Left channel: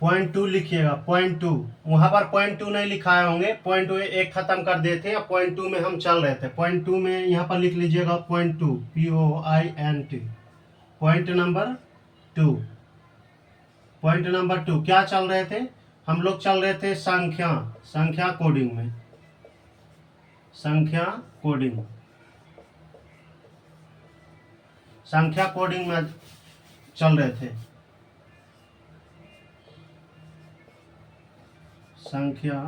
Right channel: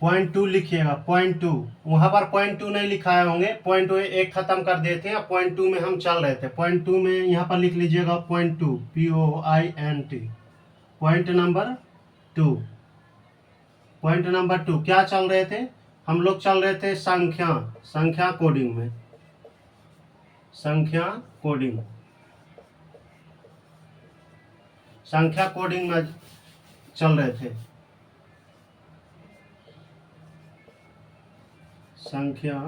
0.2 लिखिएगा, 0.2। वहाँ पर 0.2 नहीं लिखाए होंगे, 0.2 एक खत्म कर दिए थे, 0.2 में हम चल रहे थे। 0.2 में यहाँ पर लिख लीजिएगा 0.2, POINT, point number 2। Point number 2 क्या चल रहे थे हम लोग? चल रहे थे संख्या कोडिंग में, संख्या कोडिंग में चल रहे थे। संख्या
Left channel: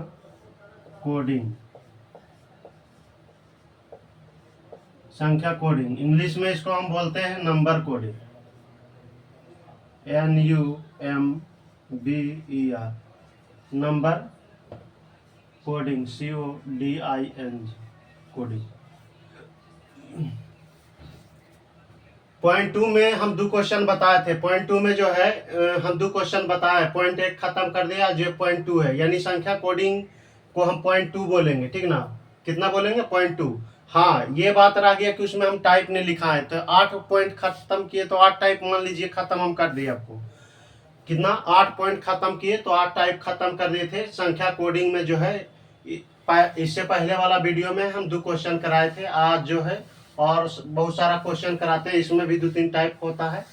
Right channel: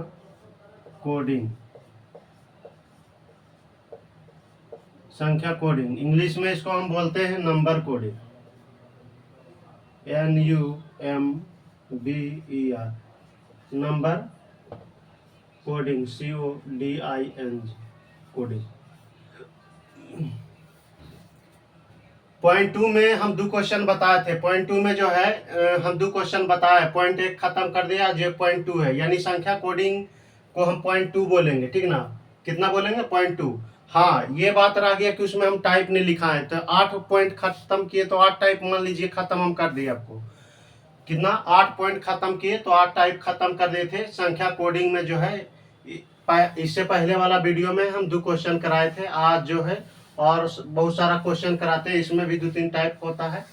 कोडिंग इंग्लिश में इसको हम बोलते हैं number coding, NUMBER, number coding, CODING, coding. 0.2 में हम 2 क्वेश्चन बताए थे। 0.2 में जो है हम 2 क्वेश्चन बताए, 0.1 खत्म कर दिया, जो 0.2 है, यानी संख्या कोडिंग को हम 0.2 बोलेंगे, ठीक ना? कितना बोलेंगे? 0.2। हाँ, ये बात रह गया कि उसमें हम टाइप नहीं लिखा है, तो 8 पॉइंट खत्म किए तो 8 टाइप मान लीजिए खत्म हम कर दिए। आपको कितना? 8 पॉइंट खत्म किए तो 8 टाइप खत्म कर दिए थे संख्या कोडिंग में। जो है इससे पहले वाला वीडियो में हम 2 क्वेश्चन कराए थे। आज जो है और बहुत सारा क्वेश्चन कराते हैं, इसमें भी 2-3 टाइप होता है,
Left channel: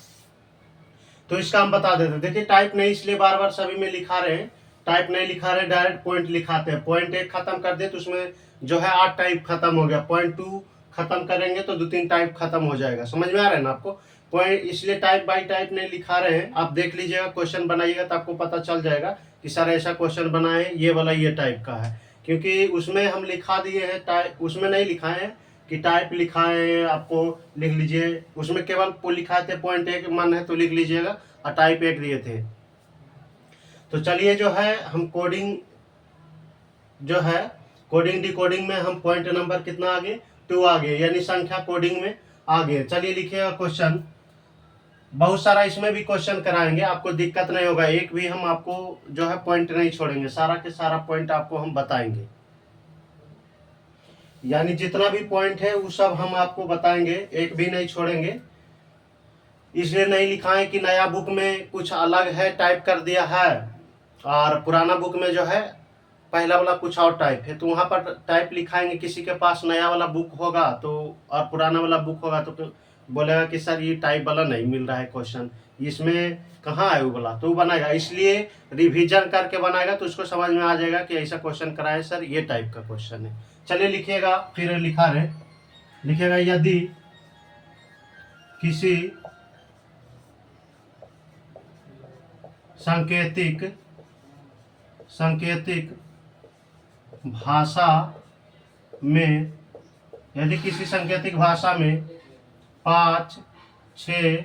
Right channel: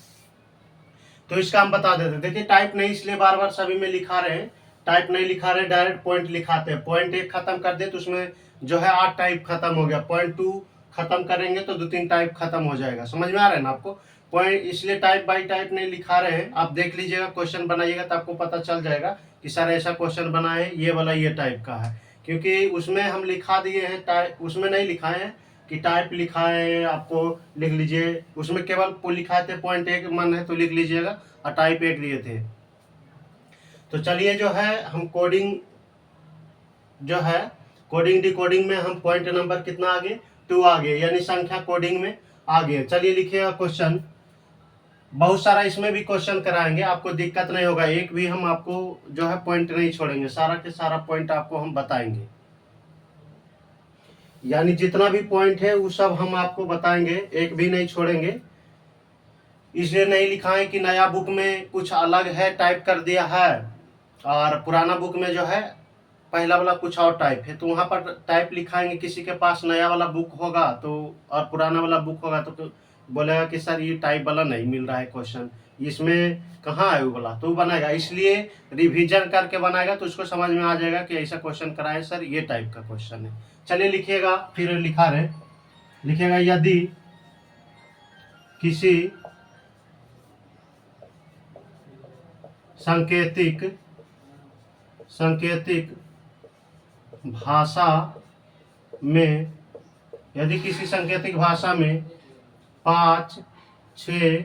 तो इसका हम बता देते हैं। देखिए, टाइप नहीं इसलिए बार बार सभी में लिखा रहे हैं, टाइप नहीं लिखा रहे, डायरेक्ट पॉइंट लिखाते हैं। पॉइंट 1 खत्म कर दे तो उसमें जो है 8 टाइप खत्म हो गया। 0.2 खत्म करेंगे तो 2-3 टाइप खत्म हो जाएगा। समझ में आ रहा है ना आपको? पॉइंट इसलिए टाइप बाई टाइप नहीं लिखा रहे हैं। आप देख लीजिएगा, क्वेश्चन बनाइएगा तो आपको पता चल जाएगा कि सर ऐसा क्वेश्चन बना है, ये वाला ये टाइप का है, क्योंकि उसमें हम लिखा दिए हैं टाइप, उसमें नहीं लिखाए हैं कि टाइप लिखा है। आपको लिख लीजिए, उसमें केवल लिखा थे 0.1 मन है तो लिख लीजिएगा, और टाइप 1 दिए थे। तो चलिए, जो है हम कोडिंग जो है कोडिंग डिकोडिंग में हम पॉइंट नंबर कितना आगे? 2 आगे, यानी संख्या कोडिंग में आगे। चलिए लिखिएगा क्वेश्चन। बहुत सारा इसमें भी क्वेश्चन कराएंगे, आपको दिक्कत नहीं होगा। एक भी हम आपको जो है पॉइंट नहीं छोड़ेंगे, सारा के सारा पॉइंट आपको हम बताएंगे, यानी जितना भी पॉइंट है वो सब हम आपको बताएंगे, एक भी नहीं छोड़ेंगे। इसलिए नहीं लिखा है कि नया बुक में कुछ अलग है, टाइप कर दिया है, और पुराना बुक में जो है पहला वाला कुछ और टाइप है, तो वहाँ पर टाइप लिखाएंगे। किसी के पास नया वाला बुक होगा तो और पुराना वाला बुक होगा तो बोलेगा कि सर ये टाइप वाला नहीं मिल रहा है क्वेश्चन, इसमें कहाँ है वो वाला, तो वो बनाएगा। इसलिए रिवीजन करके बनाएगा तो उसको समझ में आ जाएगा कि ऐसा क्वेश्चन कराए सर, ये टाइप का क्वेश्चन है। चलिए लिखिएगा, फिर लिखा रहे, लिखिएगा यदि किसी सांकेतिक भाषा में, यदि किसी सांकेतिक भाषा में 5, 6,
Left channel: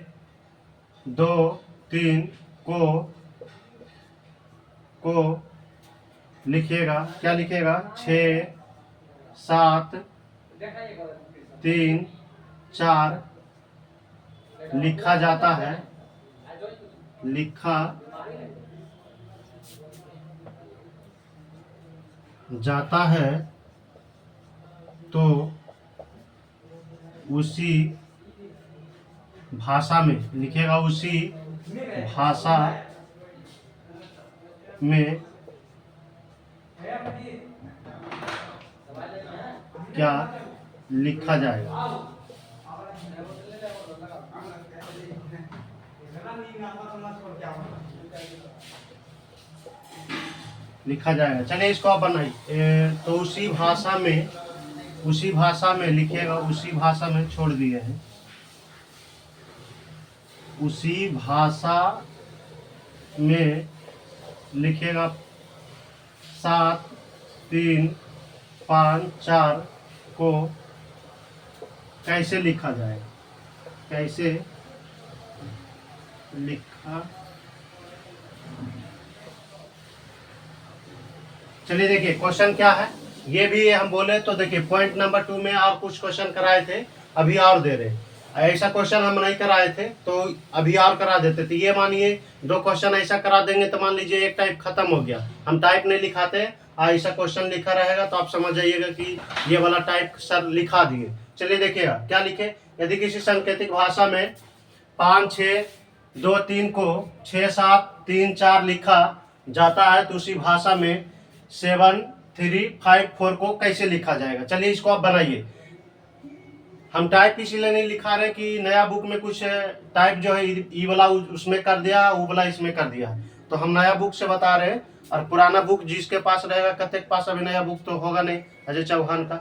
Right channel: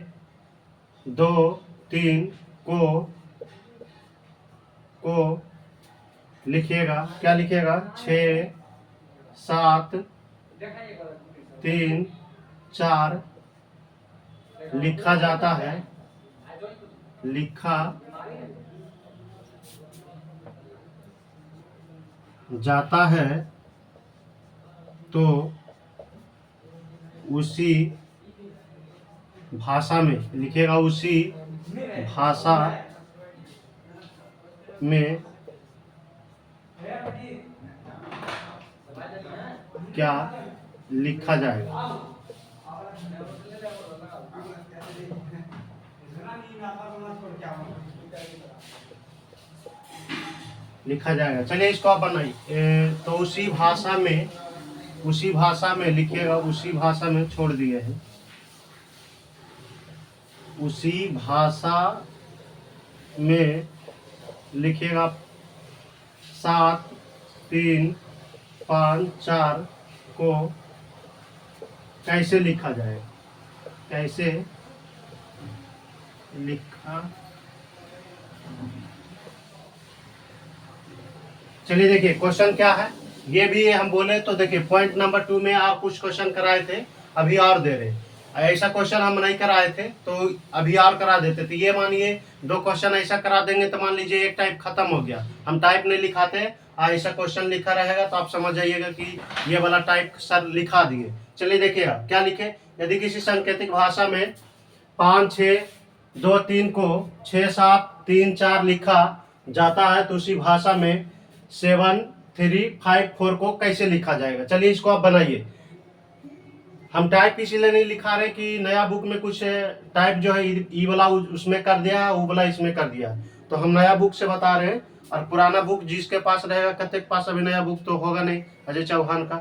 2, 3 को लिखिएगा, क्या लिखिएगा? 6, 7, 3, 4 लिखा जाता है, तो उसी भाषा में लिखिएगा, उसी भाषा में क्या लिखा जाएगा? लिखा जाएगा। चलिए इसको आप बनाइए। तो उसी भाषा में लिखिएगा, उसी भाषा में छोड़ दिए हैं, उसी भाषा में लिखिएगा 7, 3, 5, 4 को कैसे लिखा जाएगा? कैसे लिखा? चलिए देखिए क्वेश्चन क्या है, ये भी हम बोले तो देखिए पॉइंट नंबर 2 में और कुछ क्वेश्चन कराए थे, अभी और दे रहे। ऐसा क्वेश्चन हम नहीं कराए थे तो अभी और करा देते। तो ये मानिए 2 क्वेश्चन ऐसा करा देंगे तो मान लीजिए एक टाइप खत्म हो गया, हम टाइप नहीं लिखाते, ऐसा क्वेश्चन लिखा रहेगा तो आप समझ जाइएगा कि ये वाला टाइप सर लिखा दिए। चलिए देखिएगा क्या लिखे, यदि किसी सांकेतिक भाषा में 5, 6, 2, 3 को 6, 7, 3 4 लिखा जाता है तो उसी भाषा में 7 3 5 4 को कैसे लिखा जाएगा। चलिए इसको आप बनाइए। हम टाइप इसीलिए नहीं लिखा रहे कि नया बुक में कुछ टाइप जो है ई वाला उसमें कर दिया, वो वाला इसमें कर दिया, तो हम नया बुक से बता रहे हैं। और पुराना बुक जिसके पास रहेगा, कते के पास अभी नया बुक तो होगा नहीं अजय चौहान का,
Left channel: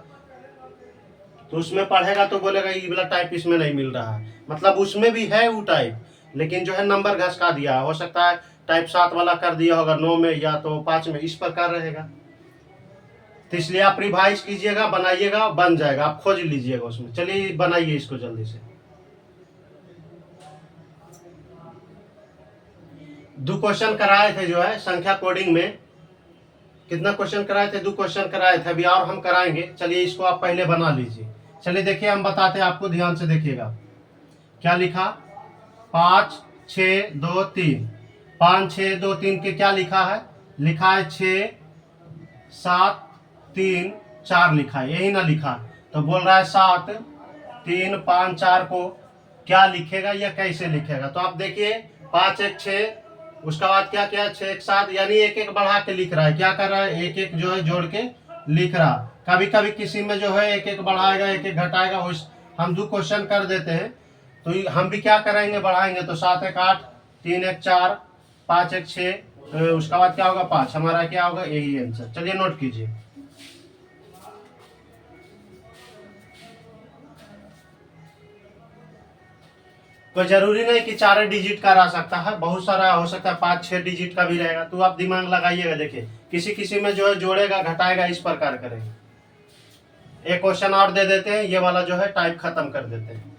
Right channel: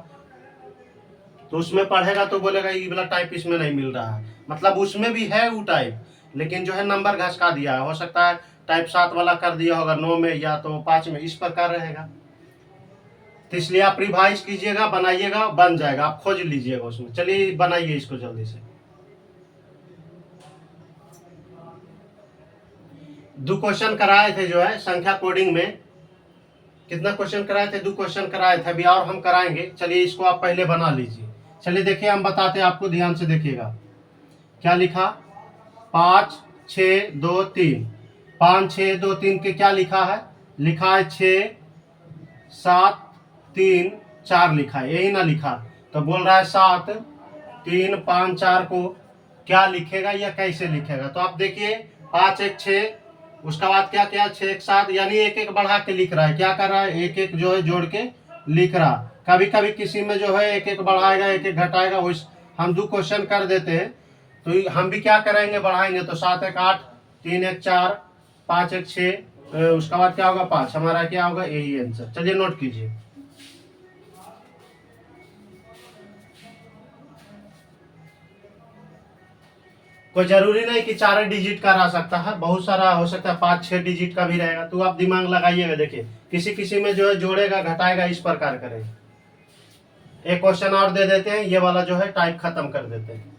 तो उसमें पढ़ेगा तो बोलेगा ये वाला टाइप इसमें नहीं मिल रहा है। मतलब उसमें भी है वो टाइप, लेकिन जो है नंबर घसका दिया है। हो सकता है टाइप 7 वाला कर दिया होगा 9 में या तो 5 में, इस प्रकार रहेगा। तो इसलिए आप रिवाइज कीजिएगा, बनाइएगा, बन जाएगा, आप खोज लीजिएगा उसमें। चलिए बनाइए इसको जल्दी से। 2 क्वेश्चन कराए थे जो है संख्या कोडिंग में। कितना क्वेश्चन कराए थे? 2 क्वेश्चन कराए थे, अभी और हम कराएंगे। चलिए इसको आप पहले बना लीजिए। चलिए देखिए हम बताते हैं आपको, ध्यान से देखिएगा। क्या लिखा? 5 6 2 3। 5 6 2 3 के क्या लिखा है? लिखा है 6 7 3 4 लिखा है, यही ना लिखा। तो बोल रहा है 7 3 5 4 को क्या लिखेगा या कैसे लिखेगा। तो आप देखिए 5 1 6, उसका बाद क्या क्या 6 1 7, यानी एक एक बढ़ा के लिख रहा है। क्या कर रहा है? एक एक जो है जोड़ के लिख रहा। कभी कभी किसी में जो है एक एक बढ़ाएगा, एक एक घटाएगा। उस हम 2 क्वेश्चन कर देते हैं, तो हम भी क्या करेंगे? बढ़ाएंगे। तो 7 1 8, 3 1 4, 5 1 6, उसका बाद क्या होगा? 5। हमारा क्या होगा? यही आंसर। चलिए नोट कीजिए। कोई जरूरी नहीं कि 4 डिजिट का रह सकता है, बहुत सारा हो सकता है 5 6 डिजिट का भी रहेगा। तो आप दिमाग लगाइएगा। देखिए किसी किसी में जो है जोड़ेगा घटाएगा, इस प्रकार करेगा। एक क्वेश्चन और दे देते हैं, ये वाला जो है टाइप खत्म कर देते हैं।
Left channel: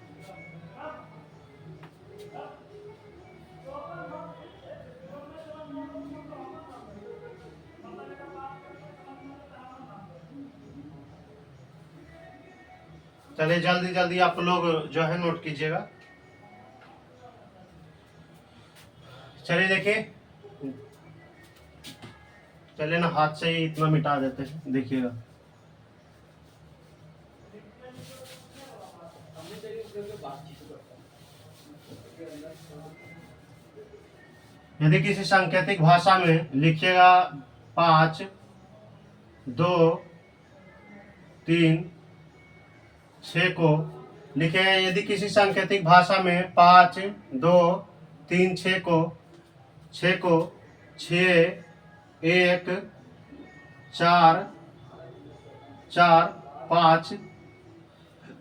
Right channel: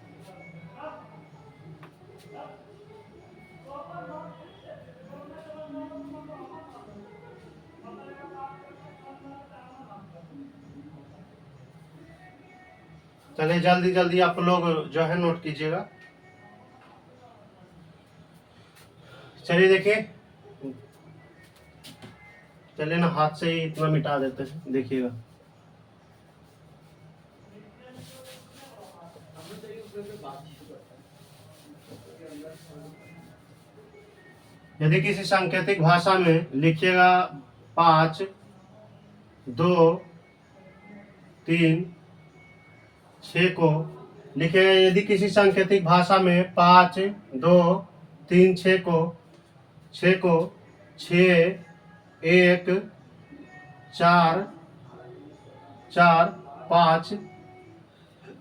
चलिए जल्दी जल्दी आप लोग जो है नोट कीजिएगा। चलिए देखिए, चलिए ना हाथ से ही इतना मिटा देते हैं, देखिएगा। यदि किसी सांकेतिक भाषा में लिखिएगा 5 2 3 6 को लिखेगा। यदि किसी सांकेतिक भाषा में 5 2 3 6 को 6 1 4 4 5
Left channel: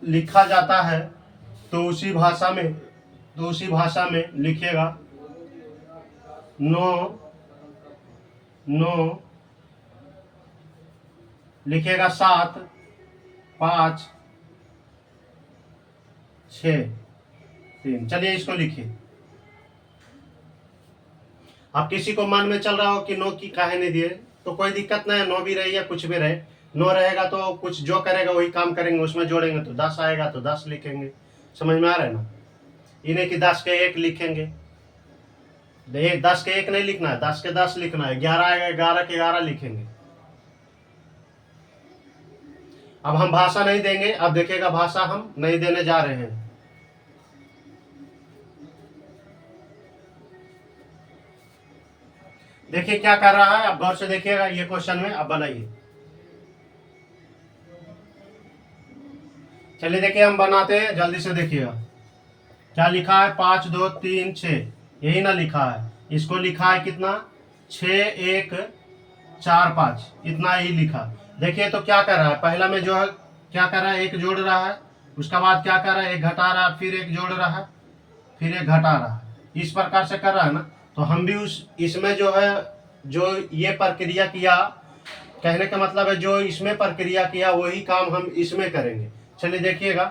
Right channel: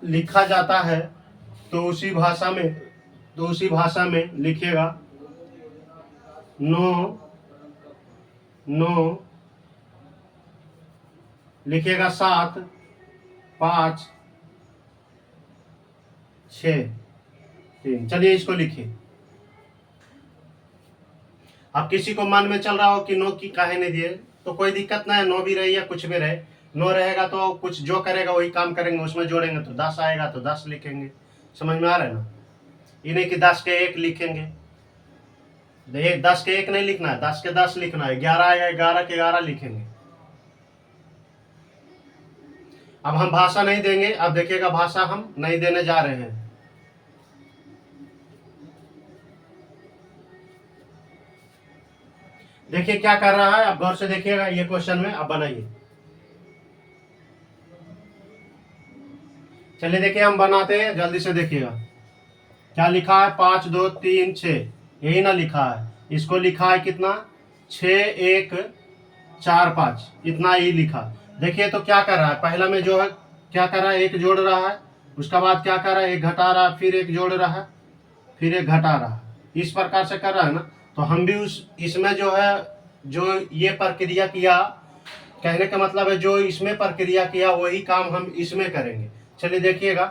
लिखा जाता है, तो उसी भाषा में लिखिएगा 9 9, लिखिएगा 7 5 6 3। चलिए इसको लिखिए। अब किसी को मन में चल रहा हो कि 9 की काहे नहीं दिए, तो कोई दिक्कत नहीं है, 9 भी रहे या कुछ भी रहे। 9 रहेगा तो कुछ जो करेगा वही काम करेंगे, उसमें जोड़ेंगे तो 10 आएगा तो 10 लिखेंगे। समझ में आ रहा है ना? ये नहीं कि 10 के 1 लिखेंगे। 10 के 1 नहीं लिखना है, 10 के 10 लिखना है। 11 आएगा 11 के 11 लिखेंगे। अब हम भाषा नहीं देंगे, अब देखिएगा भाषा हम नहीं देने जा रहे हैं। देखिए क्या कर रहा है, अब गौर से देखिएगा ये क्वेश्चन में। अब बनाइए। चलिए देखिए हम बनाते हैं, जल्दी से देखिएगा। क्या लिखा है? 5 2 3 6, यही ना लिखा है। इसको लिखा है कितना? 6 1 4 5, इतना ही लिखा। देखिए तो क्या कर रहा है? पहला में जो है क्या कर रहा है? एक जोड़ रहा है, उसका बाद क्या कर रहा है? एक घटा रहा है, फिर एक जोड़ रहा है, फिर एक घटा रहा है। इस प्रकार से कर रहा है ना। तो हम भी इसमें जो है जो ये प्रक्रिया किया, कहने का मतलब है जो इसमें प्रक्रिया किया वही काम हम इसमें करेंगे। चलिए देखिएगा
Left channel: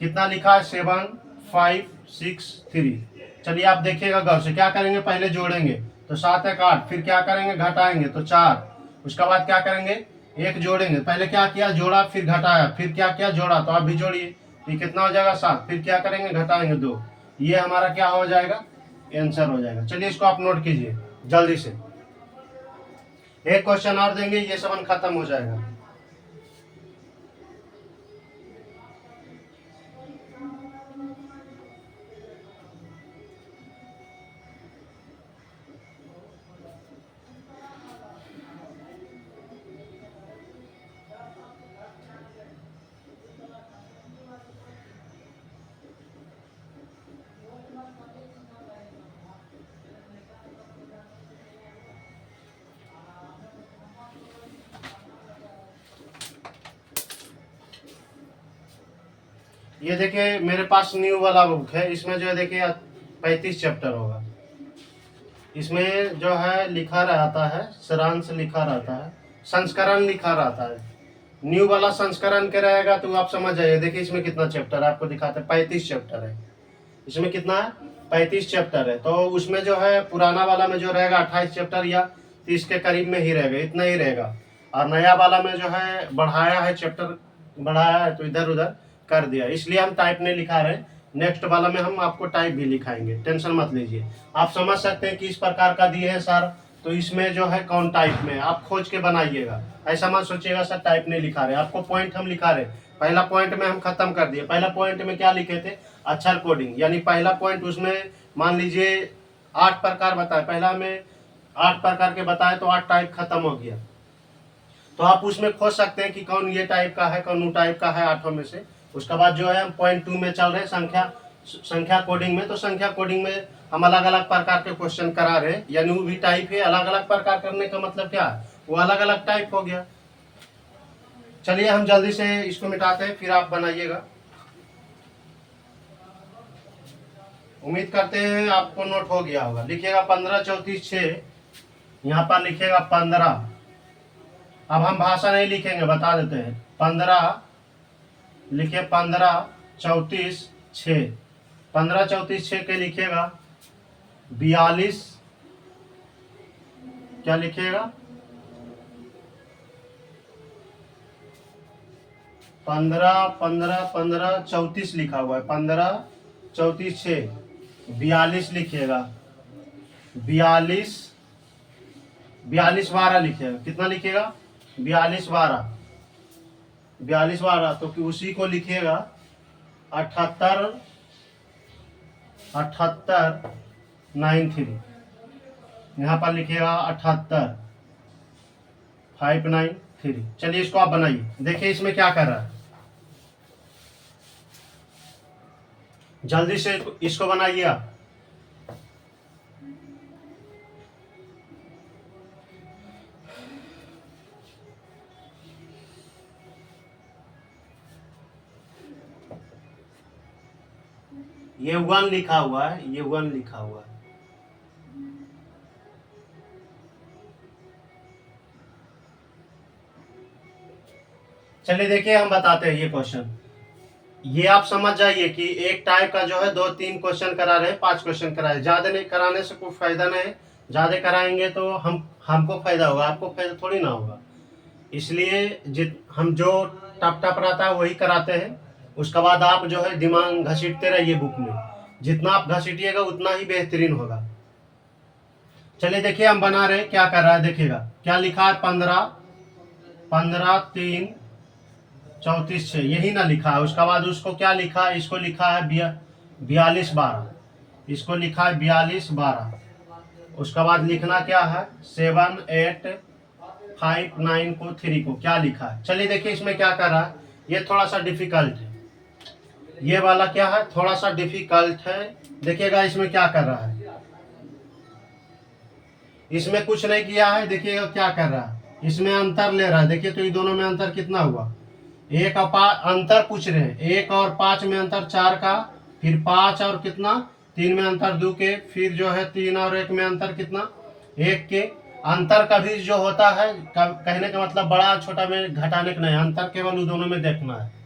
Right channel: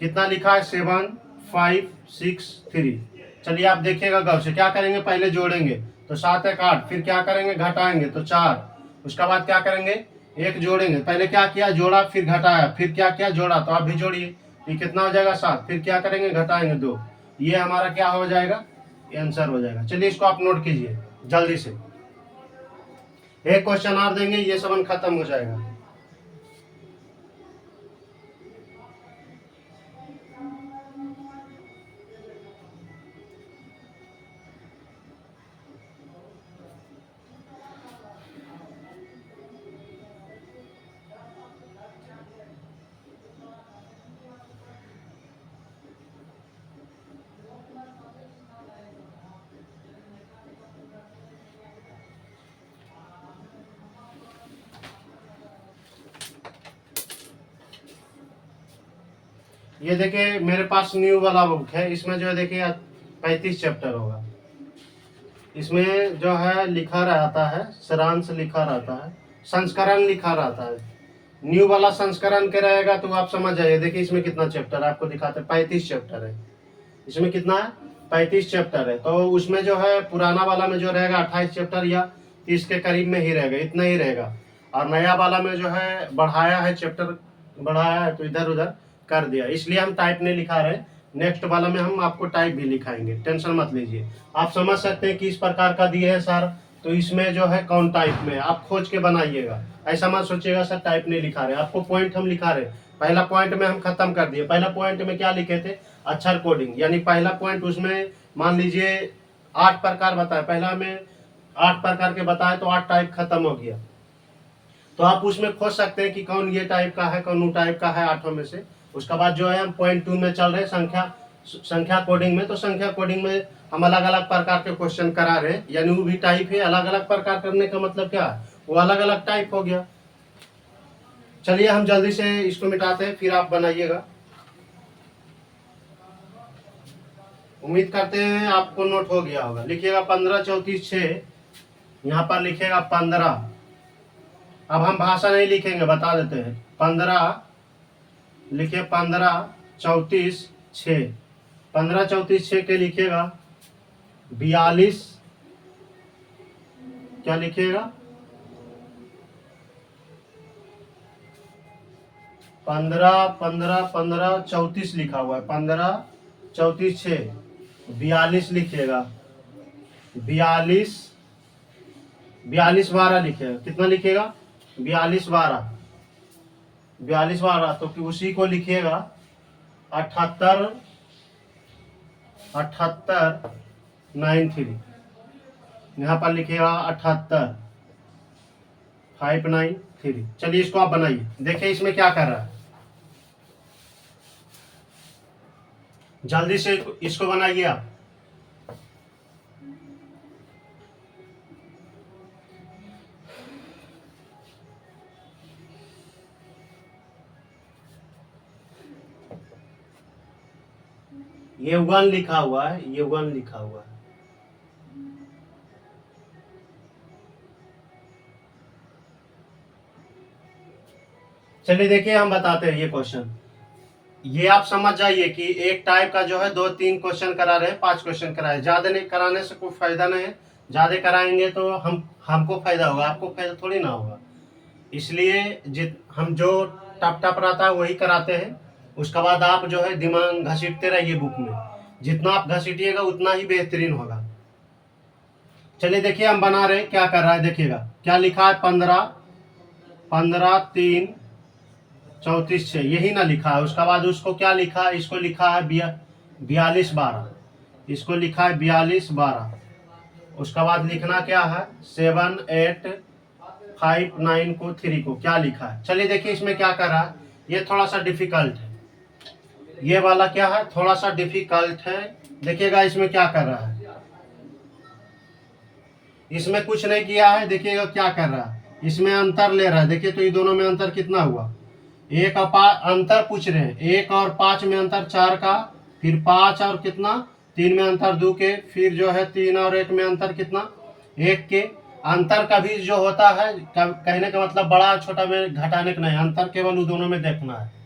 कितना लिखा है? 7 5 6 3। चलिए आप देखिएगा गौर से। क्या करेंगे? पहले जोड़ेंगे तो 7 1 8, फिर क्या करेंगे? घटाएंगे तो 4, उसका बाद क्या करेंगे? एक जोड़ेंगे। पहले क्या किया? जोड़ा, फिर घटाया, फिर क्या किया? जोड़ा। तो आप भी जोड़िए, ये कितना हो जाएगा? 7। फिर क्या करेंगे? घटाएंगे 2। ये हमारा क्या हो जाएगा? आंसर हो जाएगा। चलिए इसको आप नोट कीजिए जल्दी से। एक क्वेश्चन और देंगे, ये सबन खत्म हो जाएगा। ये देखिए मेरे पास न्यू वाला बुक है, इसमें जो है देखिए 35 चैप्टर होगा। इसमें जो है लिखा रहता है, सारांश लिखा रहता है, संस्करण लिखा रहता है। न्यू वाला संस्करण के रहेगा तो आप समझ जाइए। देखिए इसमें कितना चैप्टर है, आपको दिखाते हैं 35 चैप्टर है। इसमें कितना है, 35 चैप्टर है। तो उसमें जो है पुराना वाला में जो रहेगा 28 चैप्टर या 30 के करीब में ही रहेगा, इतना ही रहेगा। और नया वाला में जो है बढ़ाया है, चैप्टर बढ़ाया है तो इधर उधर कर दिया, इसलिए हम टाइप नहीं लिखा रहे। नेक्स्ट वाला में हम आपको टाइप भी लिखाएंगे, टेंशन मत लीजिए। आप समझ सकते हैं कि इस प्रकार का दिए है सर, तो इसमें जो है कौन टाइप में, आप खोज के बनाइएगा। ऐसा मत सोचिएगा सर टाइप नहीं लिखा रहे, आपको पॉइंट हम लिखा रहे। पहला पॉइंट में हम खत्म कर दिए। पहला पॉइंट में क्या लिखे थे, अक्षर कोडिंग, यानी पहला पॉइंट उसमें मान लीजिए 8 प्रकार बताए, पहला में 8 प्रकार के बताए तो 8 टाइप खत्म हो गया। तो आप उसमें खोज सकते हैं कि कौन ये टाइप का है, कौन वो टाइप का है, 8 में से। उसके बाद जो है हम पॉइंट 2 में चल रहे हैं, संख्या कोडिंग में। तो संख्या कोडिंग में हम अलग अलग प्रकार के क्वेश्चन करा रहे हैं, यानी वो भी टाइप है। अलग अलग प्रकार करने का मतलब क्या है, वो अलग अलग टाइप हो गया। चलिए हम जल्दी से इसको मिटाते हैं, फिर आप बनाइएगा। उम्मीद करते हैं आपको नोट हो गया होगा। लिखिएगा 15 34 6, यहाँ पर लिखिएगा 15। अब हम भाषा नहीं लिखेंगे, बता देते हैं। 15 लिखिए, 15 34 6, 15 34 6 के लिखिएगा 42, क्या लिखिएगा 15 15 15 34 लिखा हुआ है, 15 34 6, 42 लिखिएगा, 42 42 12 लिखिएगा। कितना लिखिएगा, 42 12, 42 12। तो कि उसी को लिखिएगा 78 78 93, यहाँ पर लिखिएगा 78 593। चलिए इसको आप बनाइए, देखिए इसमें क्या कर रहा है। जल्दी से इसको बनाइए आप। ये 1 लिखा हुआ है, ये 1 लिखा हुआ है। चलिए देखिए हम बताते हैं ये क्वेश्चन। ये आप समझ जाइए कि एक टाइप का जो है 2-3 क्वेश्चन करा रहे हैं, 5 क्वेश्चन कराए। ज्यादा नहीं कराने से कोई फायदा नहीं है। ज्यादा कराएंगे तो हमको फायदा होगा, आपको फायदा थोड़ी ना होगा। इसलिए हम जो टप टप रहता है वही कराते हैं। उसके बाद आप जो है दिमाग घसीटते रहिए बुक में, जितना आप घसीटिएगा उतना ही बेहतरीन होगा। चलिए देखिए हम बना रहे हैं, क्या कर रहा है देखिएगा। क्या लिखा है, 15 15 3 34 6, यही ना लिखा है। उसके बाद उसको क्या लिखा है, इसको लिखा है 42 12, इसको लिखा है 42 12। उसके बाद लिखना क्या है, 7 8 5 9 को 3 को क्या लिखा है। चलिए देखिए इसमें क्या कर रहा है, ये थोड़ा सा डिफिकल्ट है। ये वाला क्या है, थोड़ा सा डिफिकल्ट है। देखिएगा इसमें क्या कर रहा है, इसमें कुछ नहीं किया है। देखिएगा क्या कर रहा है, इसमें अंतर ले रहा है। देखिए तो ये दोनों में अंतर कितना हुआ, एक और 5 अंतर पूछ रहे हैं। 1 और 5 में अंतर 4 का, फिर 5 और कितना 3 में अंतर 2 के, फिर जो है 3 और 1 में अंतर कितना 1 के। अंतर कभी जो होता है, कहने का मतलब बड़ा छोटा में घटाने का नहीं, अंतर केवल उन दोनों में देखना है।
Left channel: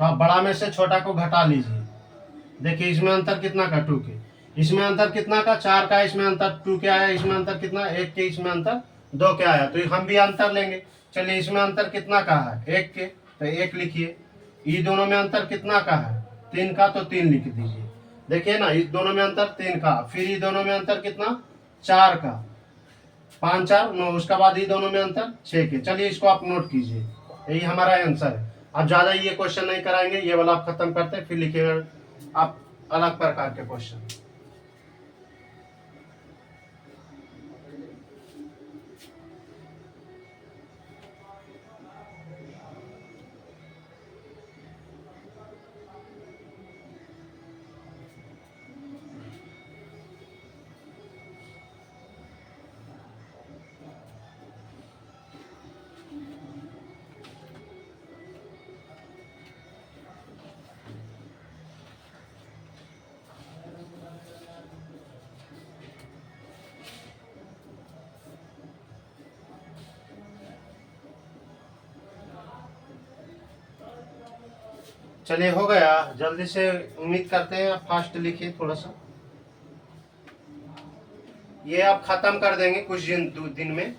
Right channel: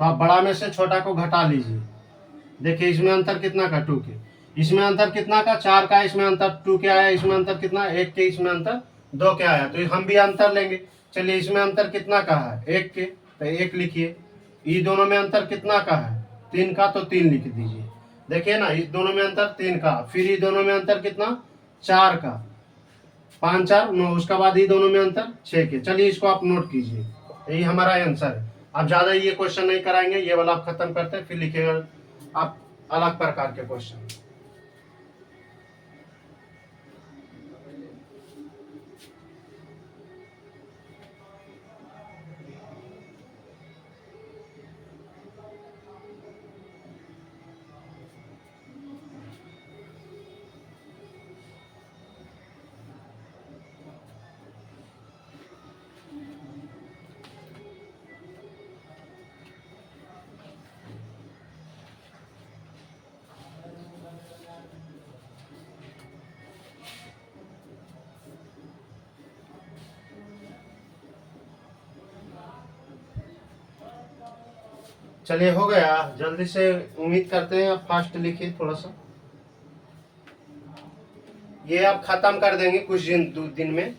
तो आप बड़ा में से छोटा को घटा लीजिए। देखिए इसमें अंतर कितना का 2 के, इसमें अंतर कितना का 4 का, इसमें अंतर 2 के आया, इसमें अंतर कितना 1 के, इसमें अंतर 2 के आया। तो हम भी अंतर लेंगे। चलिए इसमें अंतर कितना का है 1 के, तो 1 लिखिए। ये दोनों में अंतर कितना का है 3 का, तो 3 लिख दीजिए। देखिए ना, इस दोनों में अंतर 3 का, फिर ये दोनों में अंतर कितना 4 का, 5 4 9। उसके बाद ये दोनों में अंतर 6 के। चलिए इसको आप नोट कीजिए, यही हमारा आंसर है। अब ज्यादा ये क्वेश्चन नहीं कराएंगे, ये वाला आप खत्म करते हैं, फिर लिखेगा आप अलग प्रकार के क्वेश्चन। चलिए हो गया, जल्दी से उम्मीद करते हैं आप फास्ट लिखिए थोड़ा सा, ये आप खत्म कर देंगे कुछ दिन में।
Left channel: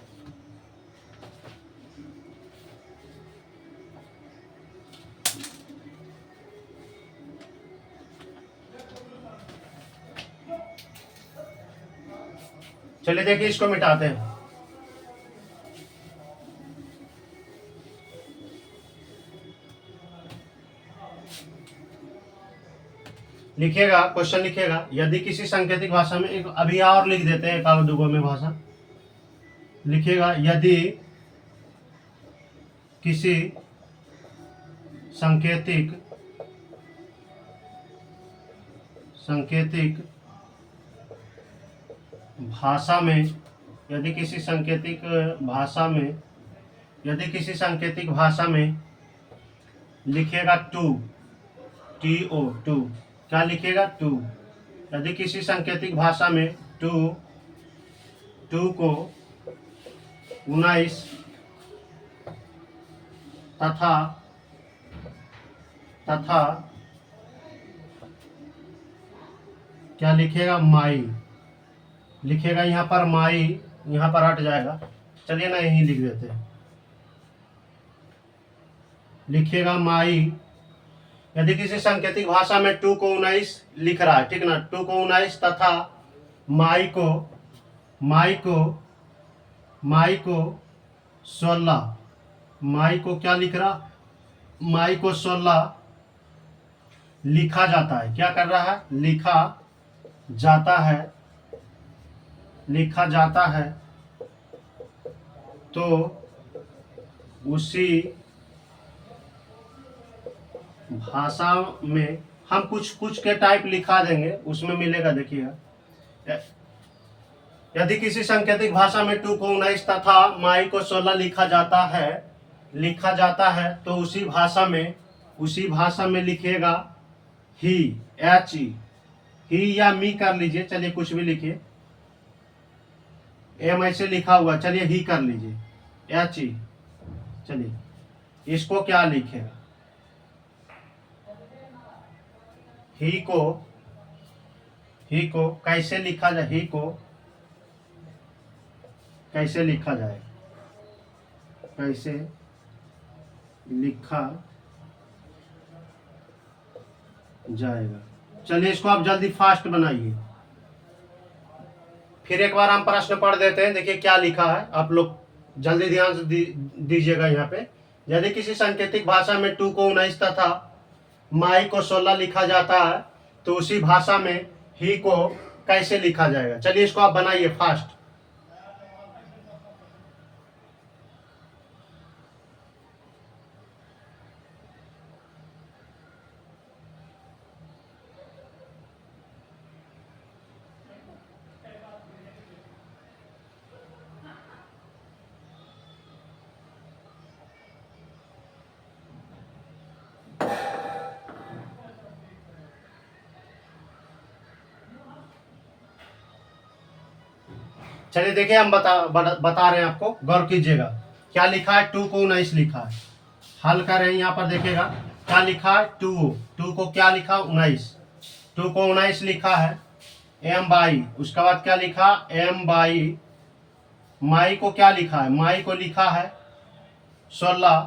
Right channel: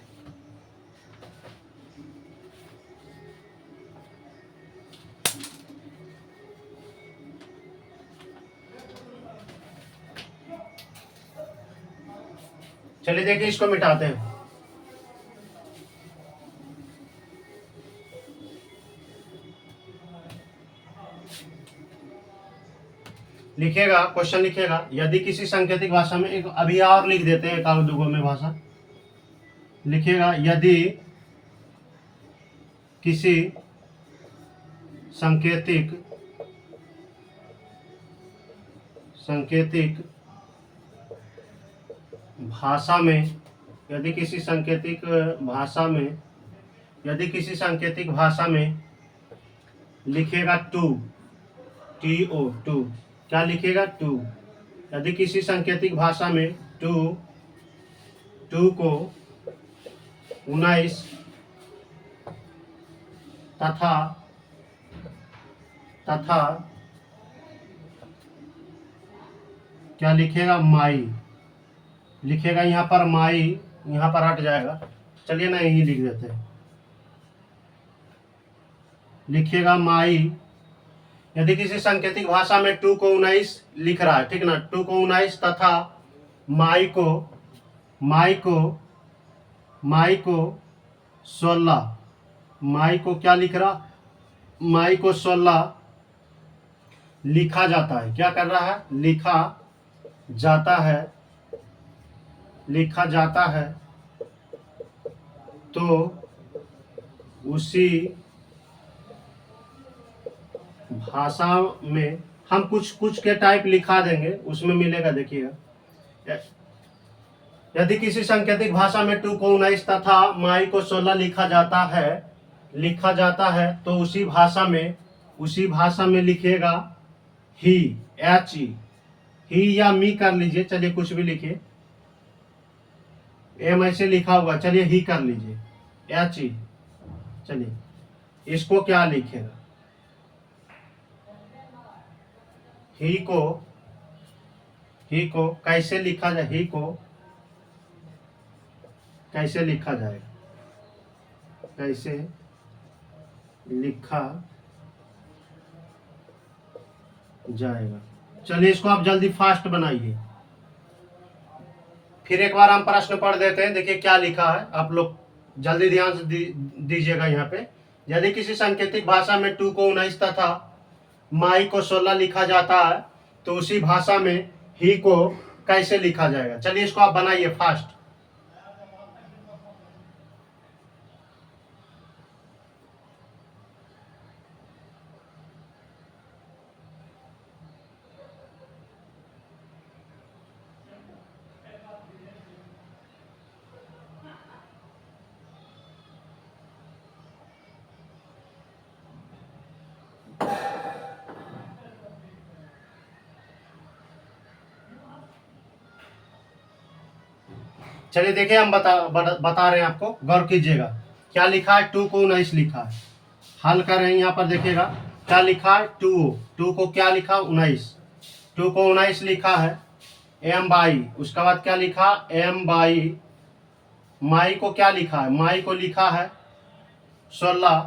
चलिए देखिए इसको मिटाते हैं। लिखिएगा, क्वेश्चन लिखिएगा, यदि किसी सांकेतिक भाषा में, एक अभी और लिख देते हैं एक आध दुगो में भाषा लिखिएगा, यदि किसी सांकेतिक भाषा में, यदि किसी सांकेतिक भाषा में लिखिएगा टू, TO, क्या लिखिएगा टू, यदि किसी सांकेतिक भाषा में टू को 19 तथा क्या लिखिएगा माई, लिखिएगा यहाँ पर माई, यहाँ पर हट जाएगा, चलिए ना यही लिख देते हैं, लिखिएगा माई, यदि किसी सांकेतिक भाषा में 2 को 19 लिख रहा है, ठीक ना, 2 को 19 तथा माई को 16, माई को क्या लिख रहा, माई को 16 लिखा जाता है, क्या कर रहा है, लिखा जाता है, तो उसी भाषा में हम कुछ के टाइप लिखा देंगे, उसमें मिलेगा, देखिएगा, यदि किसी सांकेतिक भाषा में 2 को 19 तथा माई को 16 लिखा जाता है तो उसी भाषा में लिखिएगा ही, HE, ही या मी कर लीजिए, चलिए कुछ भी लिखिए, एम ऐसे लिखा हुआ, चलिए ही कर लीजिए, HE, चलिए इसको क्या लिखेगा, ही को कैसे लिखा जाए, ही को कैसे लिखा जाएगा, कैसे लिखा जाएगा, चलिए इसको आप जल्दी फास्ट बनाइए, फिर एक बार हम प्रश्न पढ़ देते हैं, देखिए क्या लिखा है, आप लोग जल्दी ध्यान से दीजिएगा। यहाँ पे, यदि किसी सांकेतिक भाषा में 2 को 19 तथा माई को 16 लिखा जाता है तो उसी भाषा में ही को कैसे लिखा जाएगा, चलिए इसको आप बनाइए फास्ट। चलिए देखिए हम बता रहे हैं आपको, गौर कीजिएगा, क्या लिखा है, 2 को 19 लिखा है, हल कर रहे हैं, यहाँ पर देखिएगा क्या लिखा है, 2 को क्या लिखा, 19, 2 को 19 लिखा है, एम बाई, उसके बाद क्या लिखा, एम बाई, माई को क्या लिखा है, माई को लिखा है 16,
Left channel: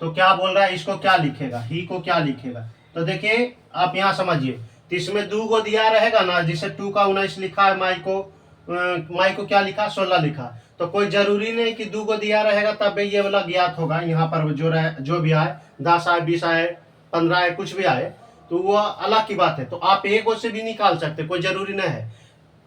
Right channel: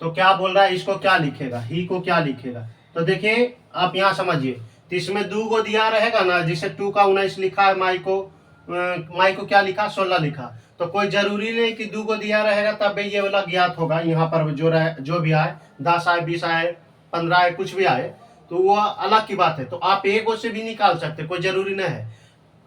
तो क्या बोल रहा है, इसको क्या लिखेगा, ही को क्या लिखेगा, तो देखिए आप यहाँ समझिए, तो इसमें 2 को दिया रहेगा ना, जिसे 2 का 19 लिखा है, माई को क्या लिखा, 16 लिखा, तो कोई जरूरी नहीं कि 2 को दिया रहेगा तब ये वाला ज्ञात होगा, यहाँ पर जो भी आए, 10 आए, 20 आए, 15 आए, कुछ भी आए, तो वो अलग की बात है, तो आप एक से भी निकाल सकते, कोई जरूरी नहीं है,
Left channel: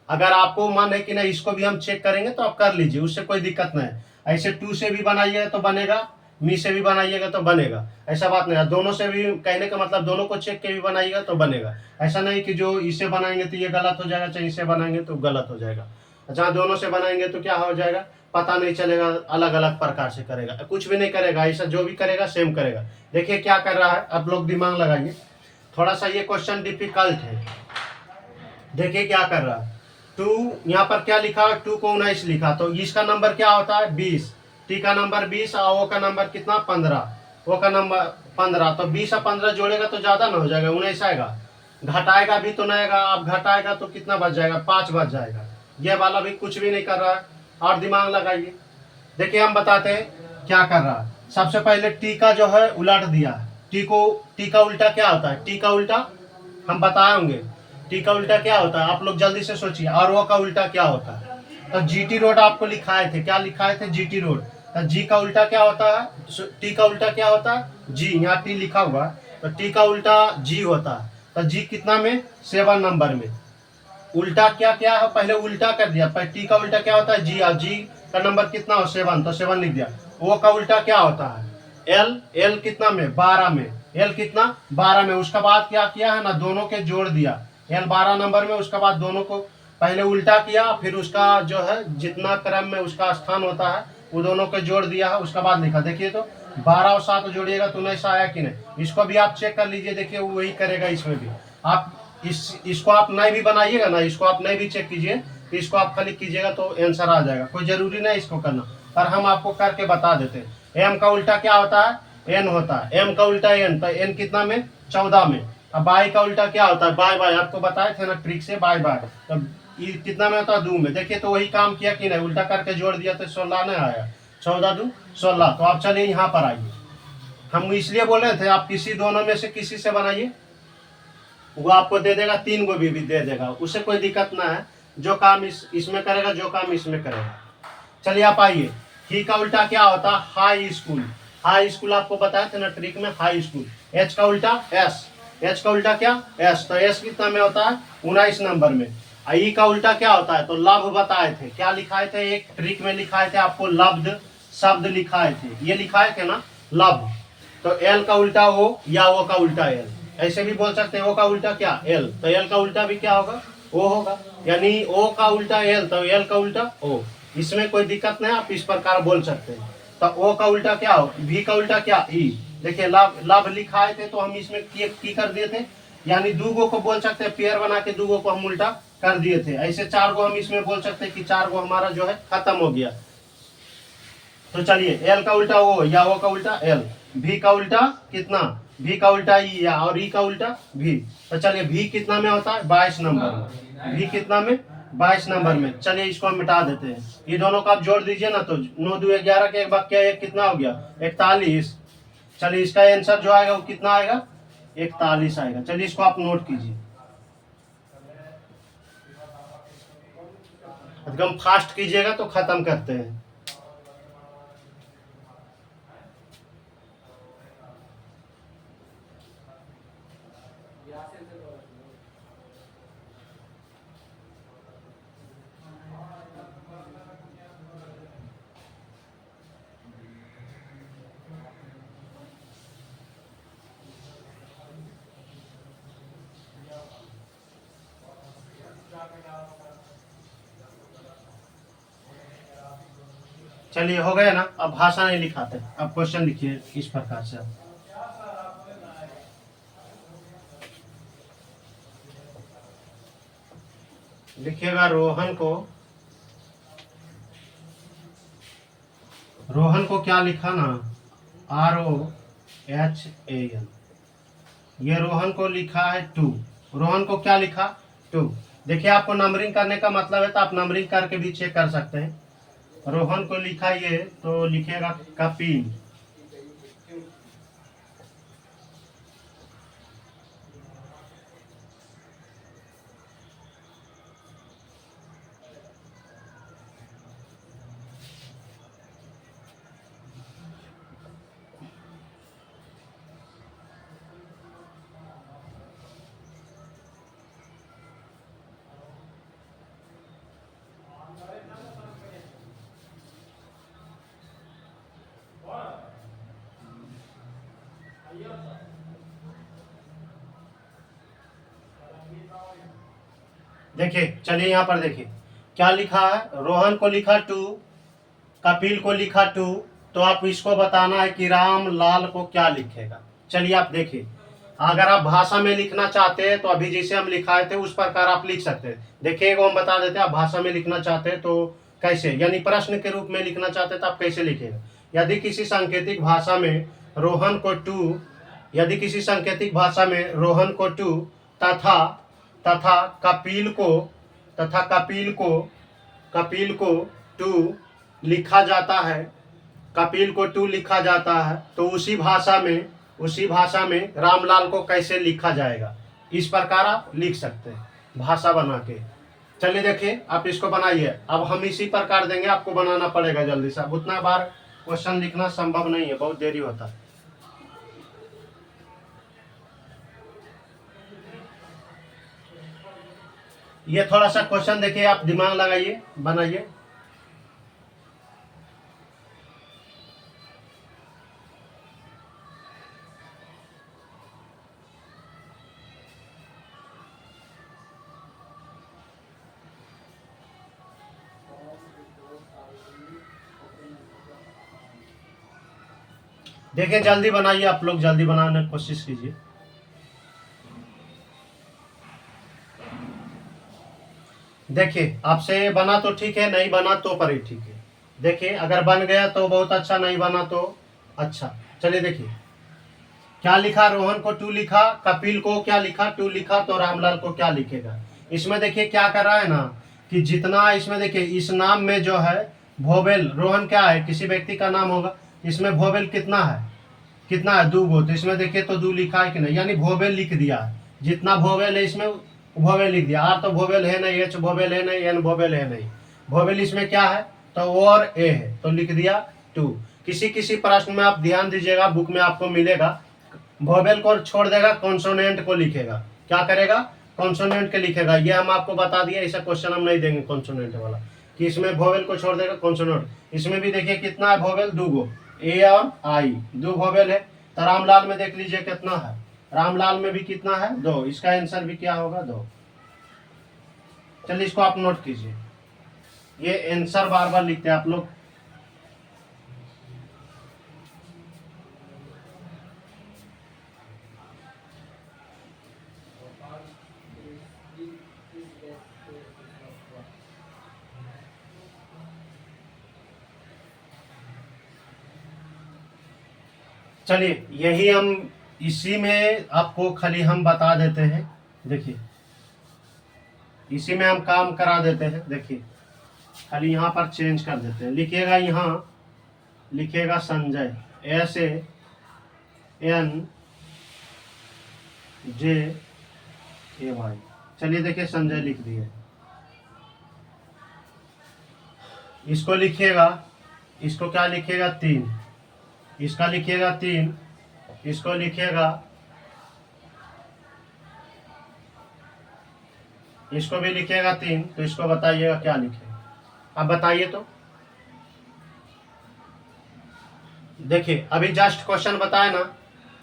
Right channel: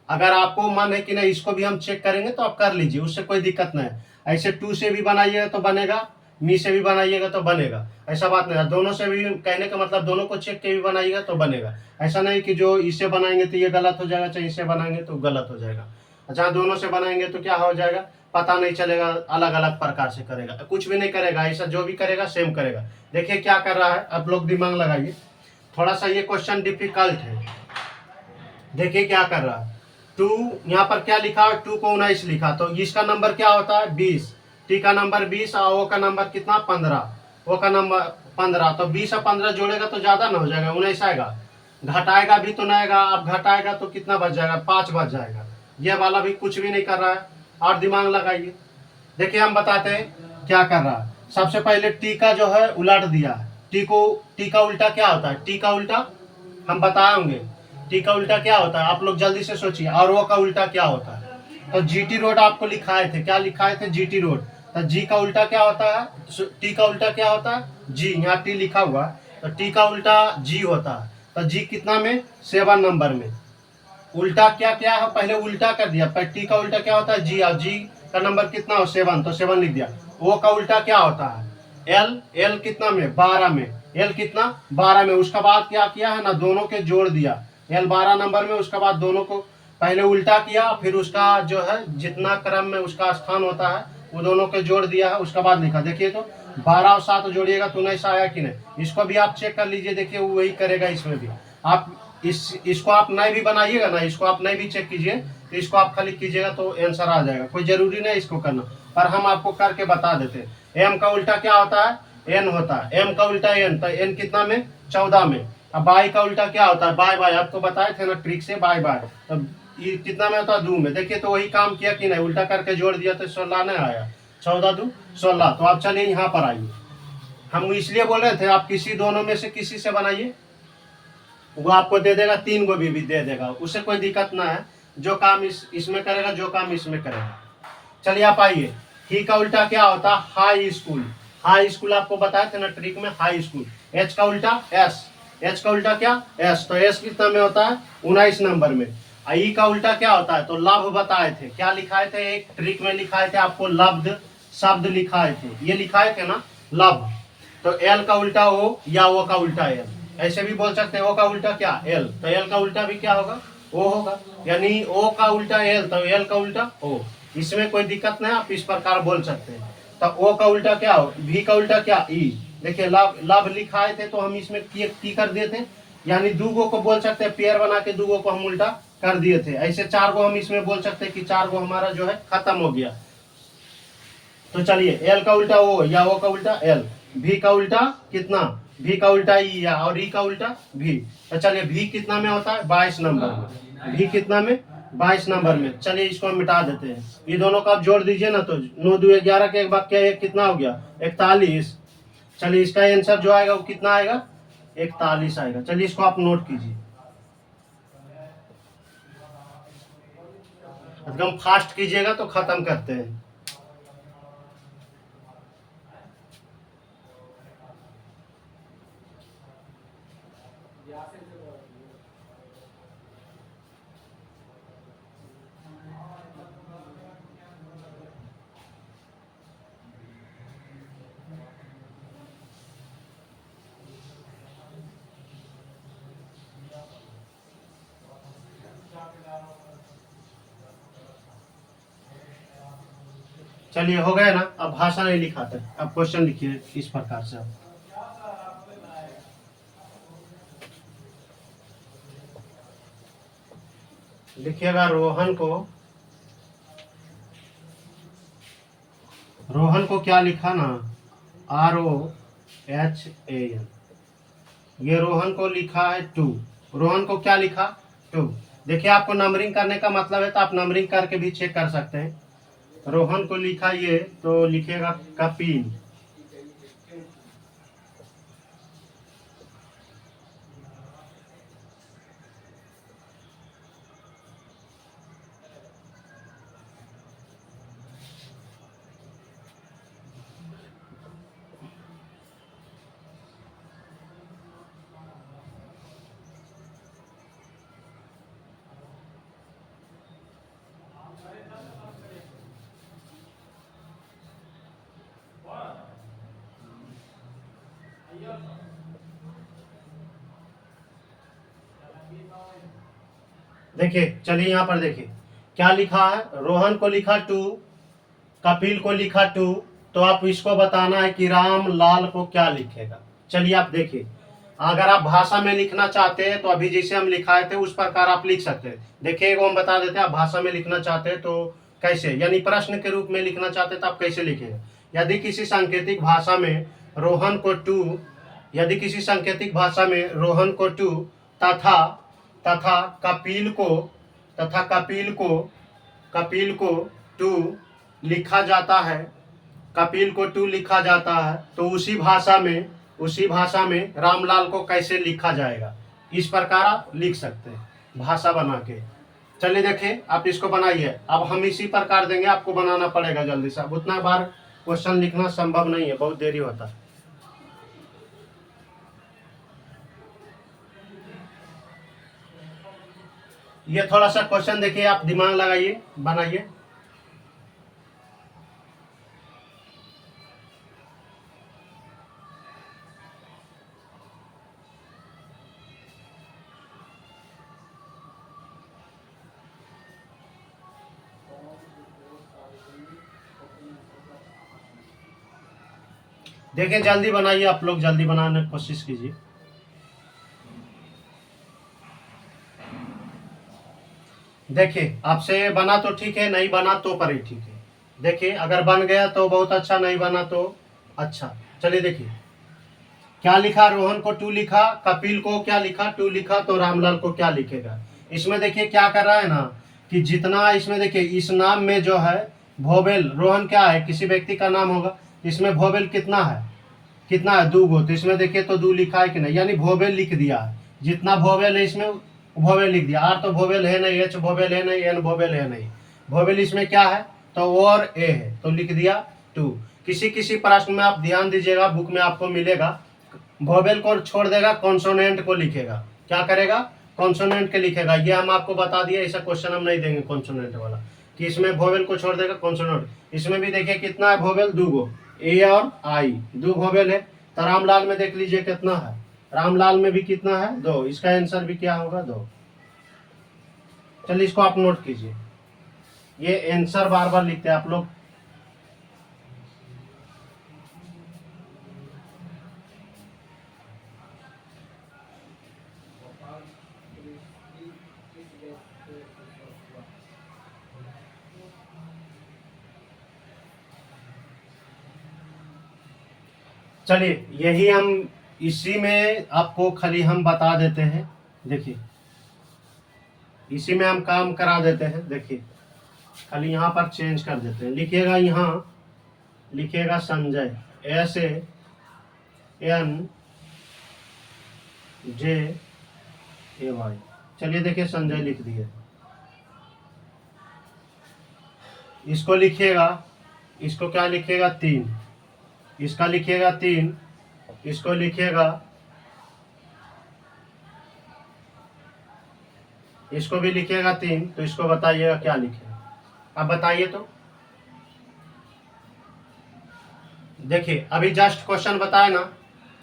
अगर आपको मन है कि नहीं इसको भी हम चेक करेंगे तो आप कर लीजिए, उससे कोई दिक्कत नहीं है, ऐसे 2 से भी बनाइएगा तो बनेगा, मी से भी बनाइएगा तो बनेगा, ऐसा बात नहीं है, दोनों से भी, कहने का मतलब दोनों को चेक के भी बनाइएगा तो बनेगा, ऐसा नहीं कि जो इससे बनाएंगे तो ये गलत हो जाएगा, चाहे इससे बनाएंगे तो गलत हो जाएगा, जहाँ दोनों से बनाएंगे तो क्या हो जाएगा, पता नहीं चलेगा, अलग अलग प्रकार से करेगा, कुछ भी नहीं करेगा, ऐसा जो भी करेगा सेम करेगा। देखिए क्या कर रहा है, आप लोग दिमाग लगाइए, थोड़ा सा ये क्वेश्चन डिफिकल्ट है, देखिए क्या कर रहा है, 2 यहाँ पर क्या लिखा है, 2 को 19 लिखा, तो इसका नंबर क्या होता है, 20, टी का नंबर 20 और ओ का नंबर कितना, 15, ओ का नंबर 15, तो 20 और 15 जोड़ेगा तो ज़्यादा ना हो जाएगा, 19 आएगा। घटाएगा भी तो नहीं आएगा, अब घटाएगा तो कितना बच जाएगा, 5 बच जाएगा। ये वाला भी कुछ भी नहीं कर रहा है, और दिमाग लगाइए। देखिए हम बताते हैं क्या कर रहा है। सबसे पहले टी का जो है उलट दिया। टी का उल्टा क्या होता है, टी का उल्टा हम बताएंगे। टी का उल्टा क्या होता है, आप लोग जल्दी से सोचिए। और वो का उल्टा क्या होता है, तो जीटी रोड आपको लिखाए थे, क्या लिखाए थे, जीटी रोड। तो जी का उल्टा क्या होता है, टी का उल्टा क्या होता है, जी। यहाँ टी लिखा हुआ है, तो टी का उल्टा जी होता है। तो जी कितना में, 7 नंबर में। उल्टा क्या क्या है, पहले उल्टा कर दिया। पहले टी का उल्टा क्या होता है, जी। और जी का नंबर कितना हो, 7, तो 7 लिख दिया। ओ का उल्टा क्या होता है, एल। एल कितना में, 12 में। एल कितना, 12 में। उसका बाद क्या किया है ना, दोनों के जोड़ दिया। एल 12 नंबर में, उसके बाद दोनों को पहले उल्टा किया, फिर उसका जो है जितना क्रम में उसका स्थान होता है वो दोनों के जोड़ दिया है, उसका बाद लिखा। देखिए तो 12 और 7 जोड़िएगा तो 19 आया कि नहीं। इसको भी आप चेक कर लीजिए, देखिए वो वही करेगा इसमें भी। आप इसको आप नहीं भी बनाइएगा ना, इसको आप नहीं भी चेक कीजिए, तो इसको आप खाली कीजिएगा तो आंसर आ जाएगा। कोई जरूरी नहीं इसको करना, पर हम आपको करके बता देते हैं। एम का उल्टा क्या होता है, एन होता है। एम का उल्टा एन, तो एन कितना में, 14 में। अब बाई का उल्टा क्या होता है, बाय बाय। आपको बताए थे ना ट्रिक से, बाय बाय। तब ये कितना में होता है, 2 में। देखिए तो वही काम किया कि नहीं, उल्टा करके जोड़ दिया तो 16 नहीं आया। 14 2 16। तो आप चलिए यहाँ पर आइए। हम इसलिए बोल रहे थे आप किसी दोनों में से किसी से बनाइए, वो आपको दे देगा, 3 गो भी दे देगा, उससे कोई दिक्कत ना है। जो काम इसमें करेगा, जो काम इसमें करेगा। चलिए आप आइए। ही का उल्टा क्या होता है, हाई स्कूल। हाई स्कूल आपको बताए थे ना ट्रिक में, हाई स्कूल। एच का उल्टा एस। एच का उल्टा क्या, एस। तो एस कितना में होता है, 19 नंबर में। ई का उल्टा क्या होता है, तो लव बताए थे। क्या लिखाए थे, एक ट्रिक में लिखाए थे आपको, लब्ध शब्द लिखाए थे, ये लिखाए थे ना, लव। तो एल का उल्टा ओ, या ओ का उल्टा एल, ऐसे भी बोल सकते हैं। ओ का उल्टा क्या, एल। तो एल का उल्टा भी क्या होगा, ओ होगा। यानी ओ का उल्टा एल, तो एल का उल्टा ओ। इसमें कोई दिक्कत नहीं, आप इस प्रकार बोल सकते हैं। तो ओ का उल्टा क्या हो, भी का उल्टा क्या, ई। देखिए लाभ लाभ लिखाए थे तो हम इसमें की कर दिए थे। यानी 2 गो को बोल सकते हैं, पेयर बना के 2 गो को हम उल्टा कर दिए थे। ऐसे 4 गो हम इसमें बोल सकते हैं कि 4 गो हमारा जो है खत्म हो गया। तो चलिए एल का उल्टा ओ, या ओ का उल्टा एल। भी का उल्टा कितना, भी का उल्टा ई, या और ई का उल्टा भी। तो चलिए भी कितना में होता है, 22 नंबर में। भी कितना में, 22 नंबर में। चलिए इसको हम मिटा देते हैं। ये दोनों का आप जोड़ दीजिए ना, तो 9 2 11 के एक वाक्य एक कितना हो गया, 41। चलिए इसका आंसर जो आएगा वो कितना आएगा, 41 आएगा। चलिए इसको आप नोट कीजिए, एकदम फास्ट कीजिएगा तो खत्म करते हैं। चलिए हो गया ना। अब भाषा नहीं लिखाते, अब क्वेश्चन लिखिए इस प्रकार से। लिखिएगा रोहन को क्या लिखा ना, ROHAN। ये रोहन को लिखा है 2। रोहन को क्या लिखा, 2। देखिए आपको नंबरिंग करने का मतलब है तो आप नंबरिंग करके भी चेक कर सकते हैं। रोहन को लिखा ये, तो लिखिएगा कपिल। देखिए चलिए यहाँ पर देखिए क्या लिखा है, रोहन को लिखा 2, कपिल को लिखा 2। तो आप इसको बताना है कि रामलाल को क्या लिखेगा। चलिए आप देखिए, अगर आप भाषा में लिखना चाहते हैं तो अभी जैसे हम लिखाए थे उस प्रकार आप लिख सकते हैं। देखिए एगो हम बता देते हैं, आप भाषा में लिखना चाहते हैं तो कैसे, यानी प्रश्न के रूप में लिखना चाहते हैं तो आप कैसे लिखेगा। यदि किसी सांकेतिक भाषा में रोहन को 2, यदि किसी सांकेतिक भाषा में रोहन को टू तथा तथा कपिल को टू लिखा जाता है, कपिल को टू लिखा जाता है, तो उसी भाषा में रामलाल को कैसे लिखा जाएगा? इस प्रकार आप लिख सकते हैं भाषा बना के। चलिए देखिए, आप इसको बनाइए। अब हम इसी प्रकार देंगे, आपको बनाना पड़ेगा जल्दी से। अब उतना बार क्वेश्चन लिखना संभव नहीं है, बहुत देरी होता है। ये थोड़ा सा क्वेश्चन देखिए, आप दिमाग लगाइए, बनाइए। देखिए जल्दी बनाइए, आप लोग जल्दी बनाने की कोशिश कीजिए। देखिए आपसे बना तो ठीक है, नहीं बना तो पर ही ठीक है। देखिए अगर बन गया तो बहुत अच्छा, नहीं बना तो अच्छा। चलिए देखिए क्या लिखा, रोहन को टू लिखा, कपिल को क्या लिखा, टू लिखा, तो रामलाल को क्या लिखेगा? इसमें देखिए क्या कर रहा है ना, कि जितना इसमें देखिए इस नाम में जो है भोवेल, रोहन क्या है, किसी व्यक्ति का नाम होगा, इसमें भोवेल कितना है, कितना है, दो गो, तो इसमें देखिए तो दो लिखा है कि नहीं, यानी भोवेल लिख दिया। जितना भोवेल है इसमें भोवेल लिख दिया। आर तो भोवेल है नहीं, एच भोवेल है नहीं, एन भोवेल है नहीं। भोवेल इसमें क्या है, तो ओ और ए है, तो लिख दिया टू। किसी किसी प्रश्न में आप ध्यान दीजिएगा, बुक में आपको मिलेगा, भोवेल को छोड़ देगा, कॉन्सोनेंट को लिखेगा। क्या करेगा, कॉन्सोनेंट के लिखेगा। ये हम आपको बता दिया, ऐसा क्वेश्चन हम नहीं देंगे कॉन्सोनेंट वाला, कि इसमें भोवेल को छोड़ देगा, कॉन्सोनेंट। इसमें भी देखिए कितना है भोवेल, दो गो, ए और आई, दो भोवेल है। तो रामलाल में देख लीजिए कितना है, रामलाल में भी कितना है, दो। इसका आंसर भी क्या होगा, दो। चलिए इसको आप नोट कीजिए, ये आंसर बार बार लिखते हैं आप लोग। चलिए यही हम इसी में आपको खाली हम बता देते हैं। देखिए इसी में हम काम करा देते हैं। देखिए खाली यहाँ पर चेंज कर देते हैं, लिखिएगा यहाँ, लिखिएगा संजय, SANJAY। चलिए देखिए संजय लिख दिए। इसको लिखिएगा, इसको क्या लिखिएगा, तीन। इसका लिखिएगा तीन, इसको लिखिएगा, इसको भी लिखिएगा तीन। तो इसको बताइएगा क्या लिखेगा, अब बताइए तो। देखिए अभी जस्ट क्वेश्चन बताया ना,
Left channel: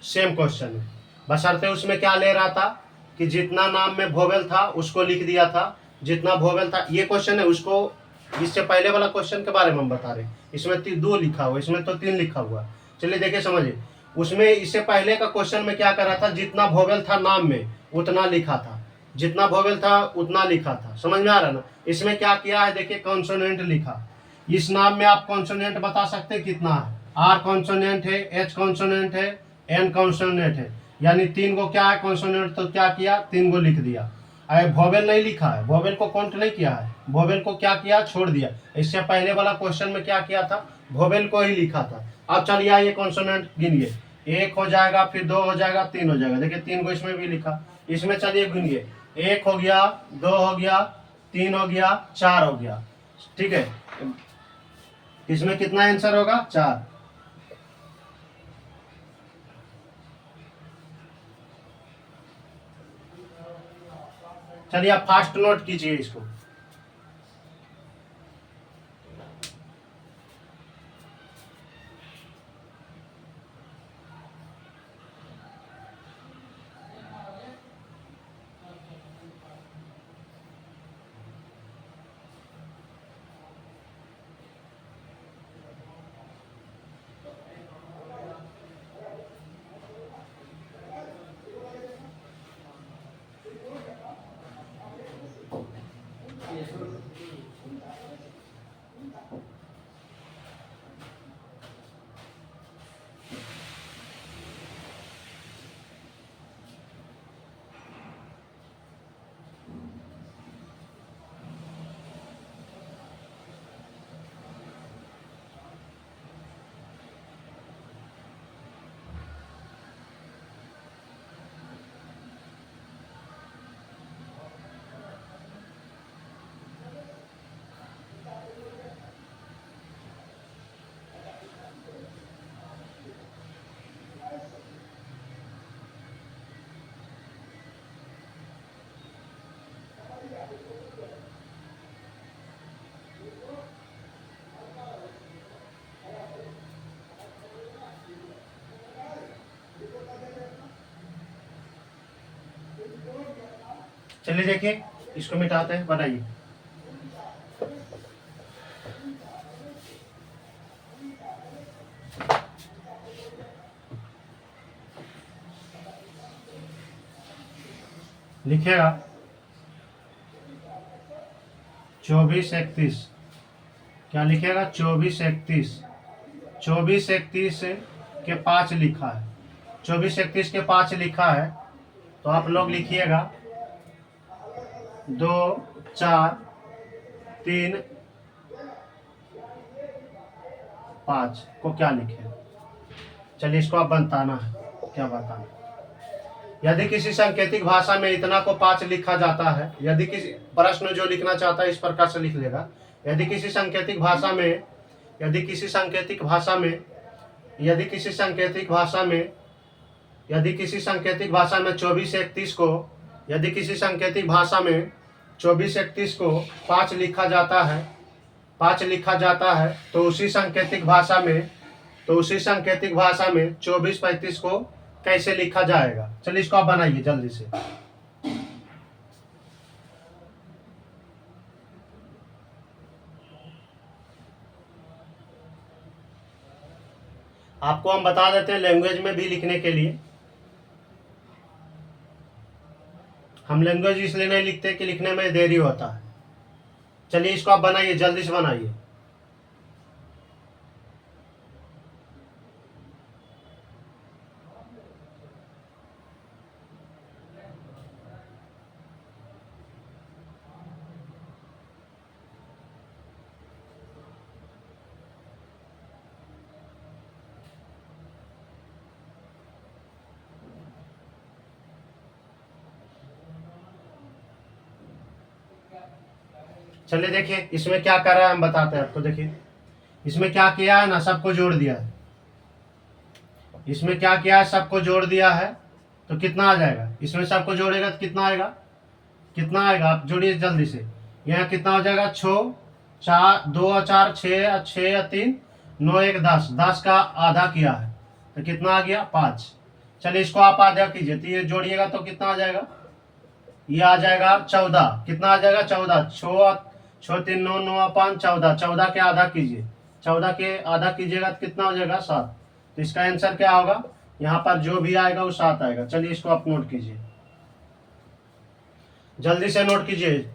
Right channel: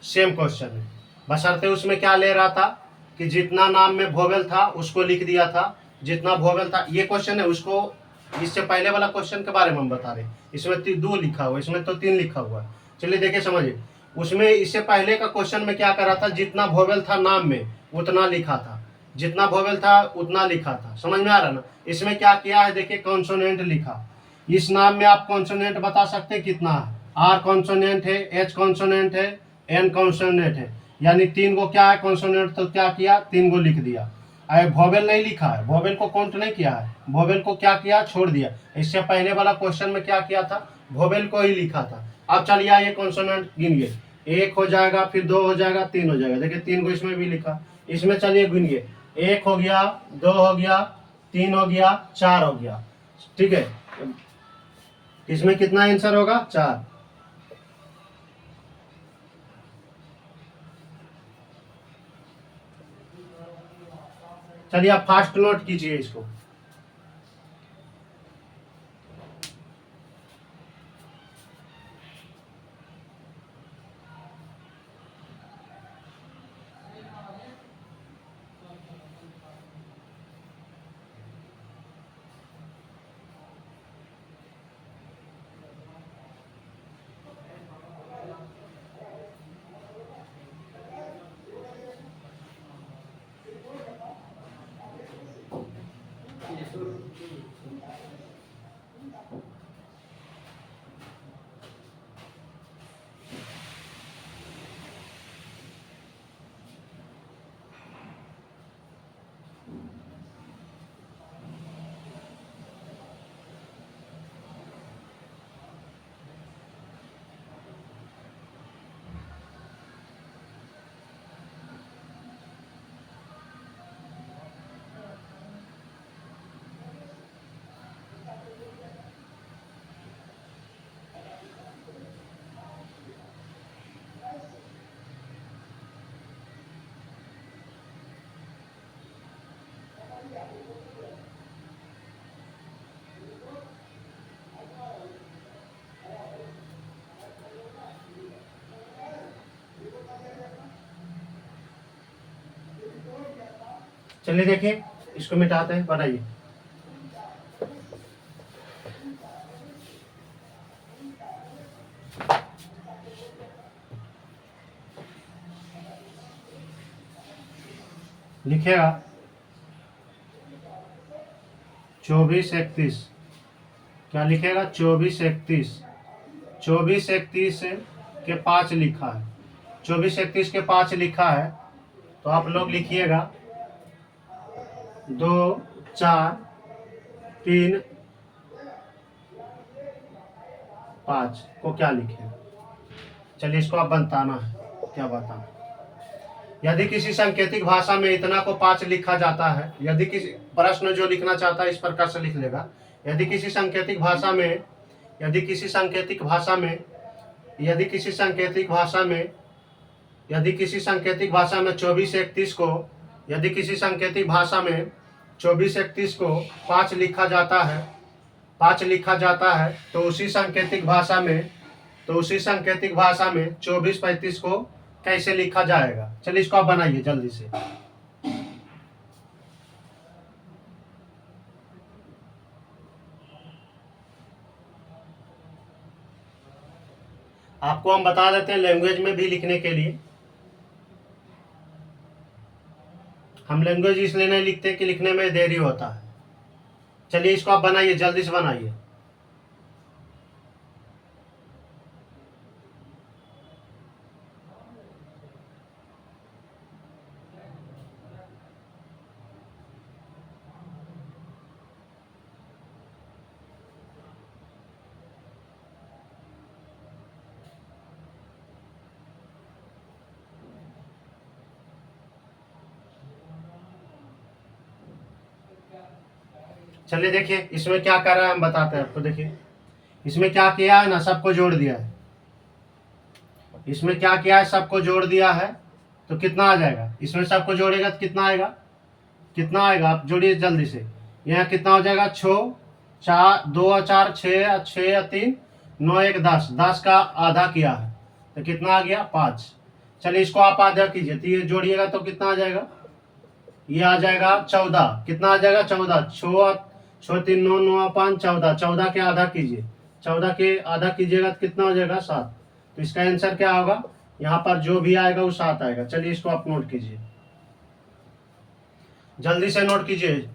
सेम क्वेश्चन है, बशर्ते उसमें क्या ले रहा था कि जितना नाम में भोवेल था उसको लिख दिया था, जितना भोवेल था। ये क्वेश्चन है, उसको इससे पहले वाला क्वेश्चन के बारे में हम बता रहे हैं। इसमें दो लिखा हुआ, इसमें तो तीन लिखा हुआ। चलिए देखिए समझिए, उसमें इससे पहले का क्वेश्चन में क्या कर रहा था, जितना भोवेल था नाम में उतना लिखा था, जितना भोवेल था उतना लिखा था। समझ में आ रहा ना? इसमें क्या किया है, देखिए कॉन्सोनेंट लिखा। इस नाम में आप कॉन्सोनेंट बता सकते हैं कितना है, आर कॉन्सोनेंट है, एच कॉन्सोनेंट है, एन कॉन्सोनेंट है, यानी तीन गो क्या है कॉन्सोनेंट, तो क्या किया, तीन गो लिख दिया। अरे भोवेल नहीं लिखा है, भोवेल को काउंट नहीं किया है, भोवेल को क्या किया, छोड़ दिया। इससे पहले वाला क्वेश्चन में क्या किया था, भोवेल को ही लिखा था। अब चलिए ये कॉन्सोनेंट गिनिए, एक हो जाएगा, फिर दो हो जाएगा, तीन हो जाएगा। देखिए तीन को इसमें भी लिखा। इसमें चलिए गिनिए, एक हो गया, दो हो गया, तीन हो गया, चार हो गया। ठीक है, इसमें कितना आंसर होगा, चार। चलिए आप फास्ट नोट कीजिए इसको। चलिए देखिए, इसको मिटाते हैं, बनाइए। लिखिएगा 2431। क्या लिखिएगा? 2431। 2431 के 5 लिखा है, 2431 के 5 लिखा है, तो आप लोग लिखिएगा 2 4 3 5 को क्या लिखे। चलिए इसको आप बताना है, क्या बताना। यदि किसी सांकेतिक भाषा में इतना को 5 लिखा जाता है, यदि किसी प्रश्न जो लिखना चाहता है इस प्रकार से लिख लेगा। यदि किसी सांकेतिक भाषा में यदि किसी सांकेतिक भाषा में यदि किसी सांकेतिक भाषा में यदि किसी सांकेतिक भाषा में 2431 को यदि किसी सांकेतिक भाषा में 2431 को 5 लिखा जाता है 5 लिखा जाता है, तो उसी सांकेतिक भाषा में 2435 को कैसे लिखा जाएगा। चलिए इसको आप बनाइए जल्दी से। आपको हम बता देते हैं लैंग्वेज में भी लिखने के लिए। हम लैंग्वेज इसलिए नहीं लिखते कि लिखने में देरी होता है। चलिए इसको आप बनाइए, जल्दी से बनाइए। चलिए देखिए इसमें क्या कर रहा है, हम बताते हैं आपको। देखिए इसमें क्या किया है ना, सबको जोड़ दिया है। इसमें क्या किया है, सबको जोड़ दिया है, तो कितना आ जाएगा? इसमें सबको जोड़ेगा तो कितना आएगा? कितना आएगा आप जोड़िए जल्दी से। यहाँ कितना हो जाएगा? 6 4 2 और 4 6 6 और 3 9 1 10, 10 का आधा किया है तो कितना आ गया? 5। चलिए इसको आप आधा कीजिए, तो ये जोड़िएगा तो कितना आ जाएगा? ये आ जाएगा 14। कितना आ जाएगा? 14। 6 3 9 9 5 14, 14 के आधा कीजिए। 14 के आधा कीजिएगा तो कितना हो जाएगा? 7। तो इसका आंसर क्या होगा? यहाँ पर जो भी आएगा वो 7 आएगा। चलिए इसको आप नोट कीजिए, जल्दी से नोट कीजिए।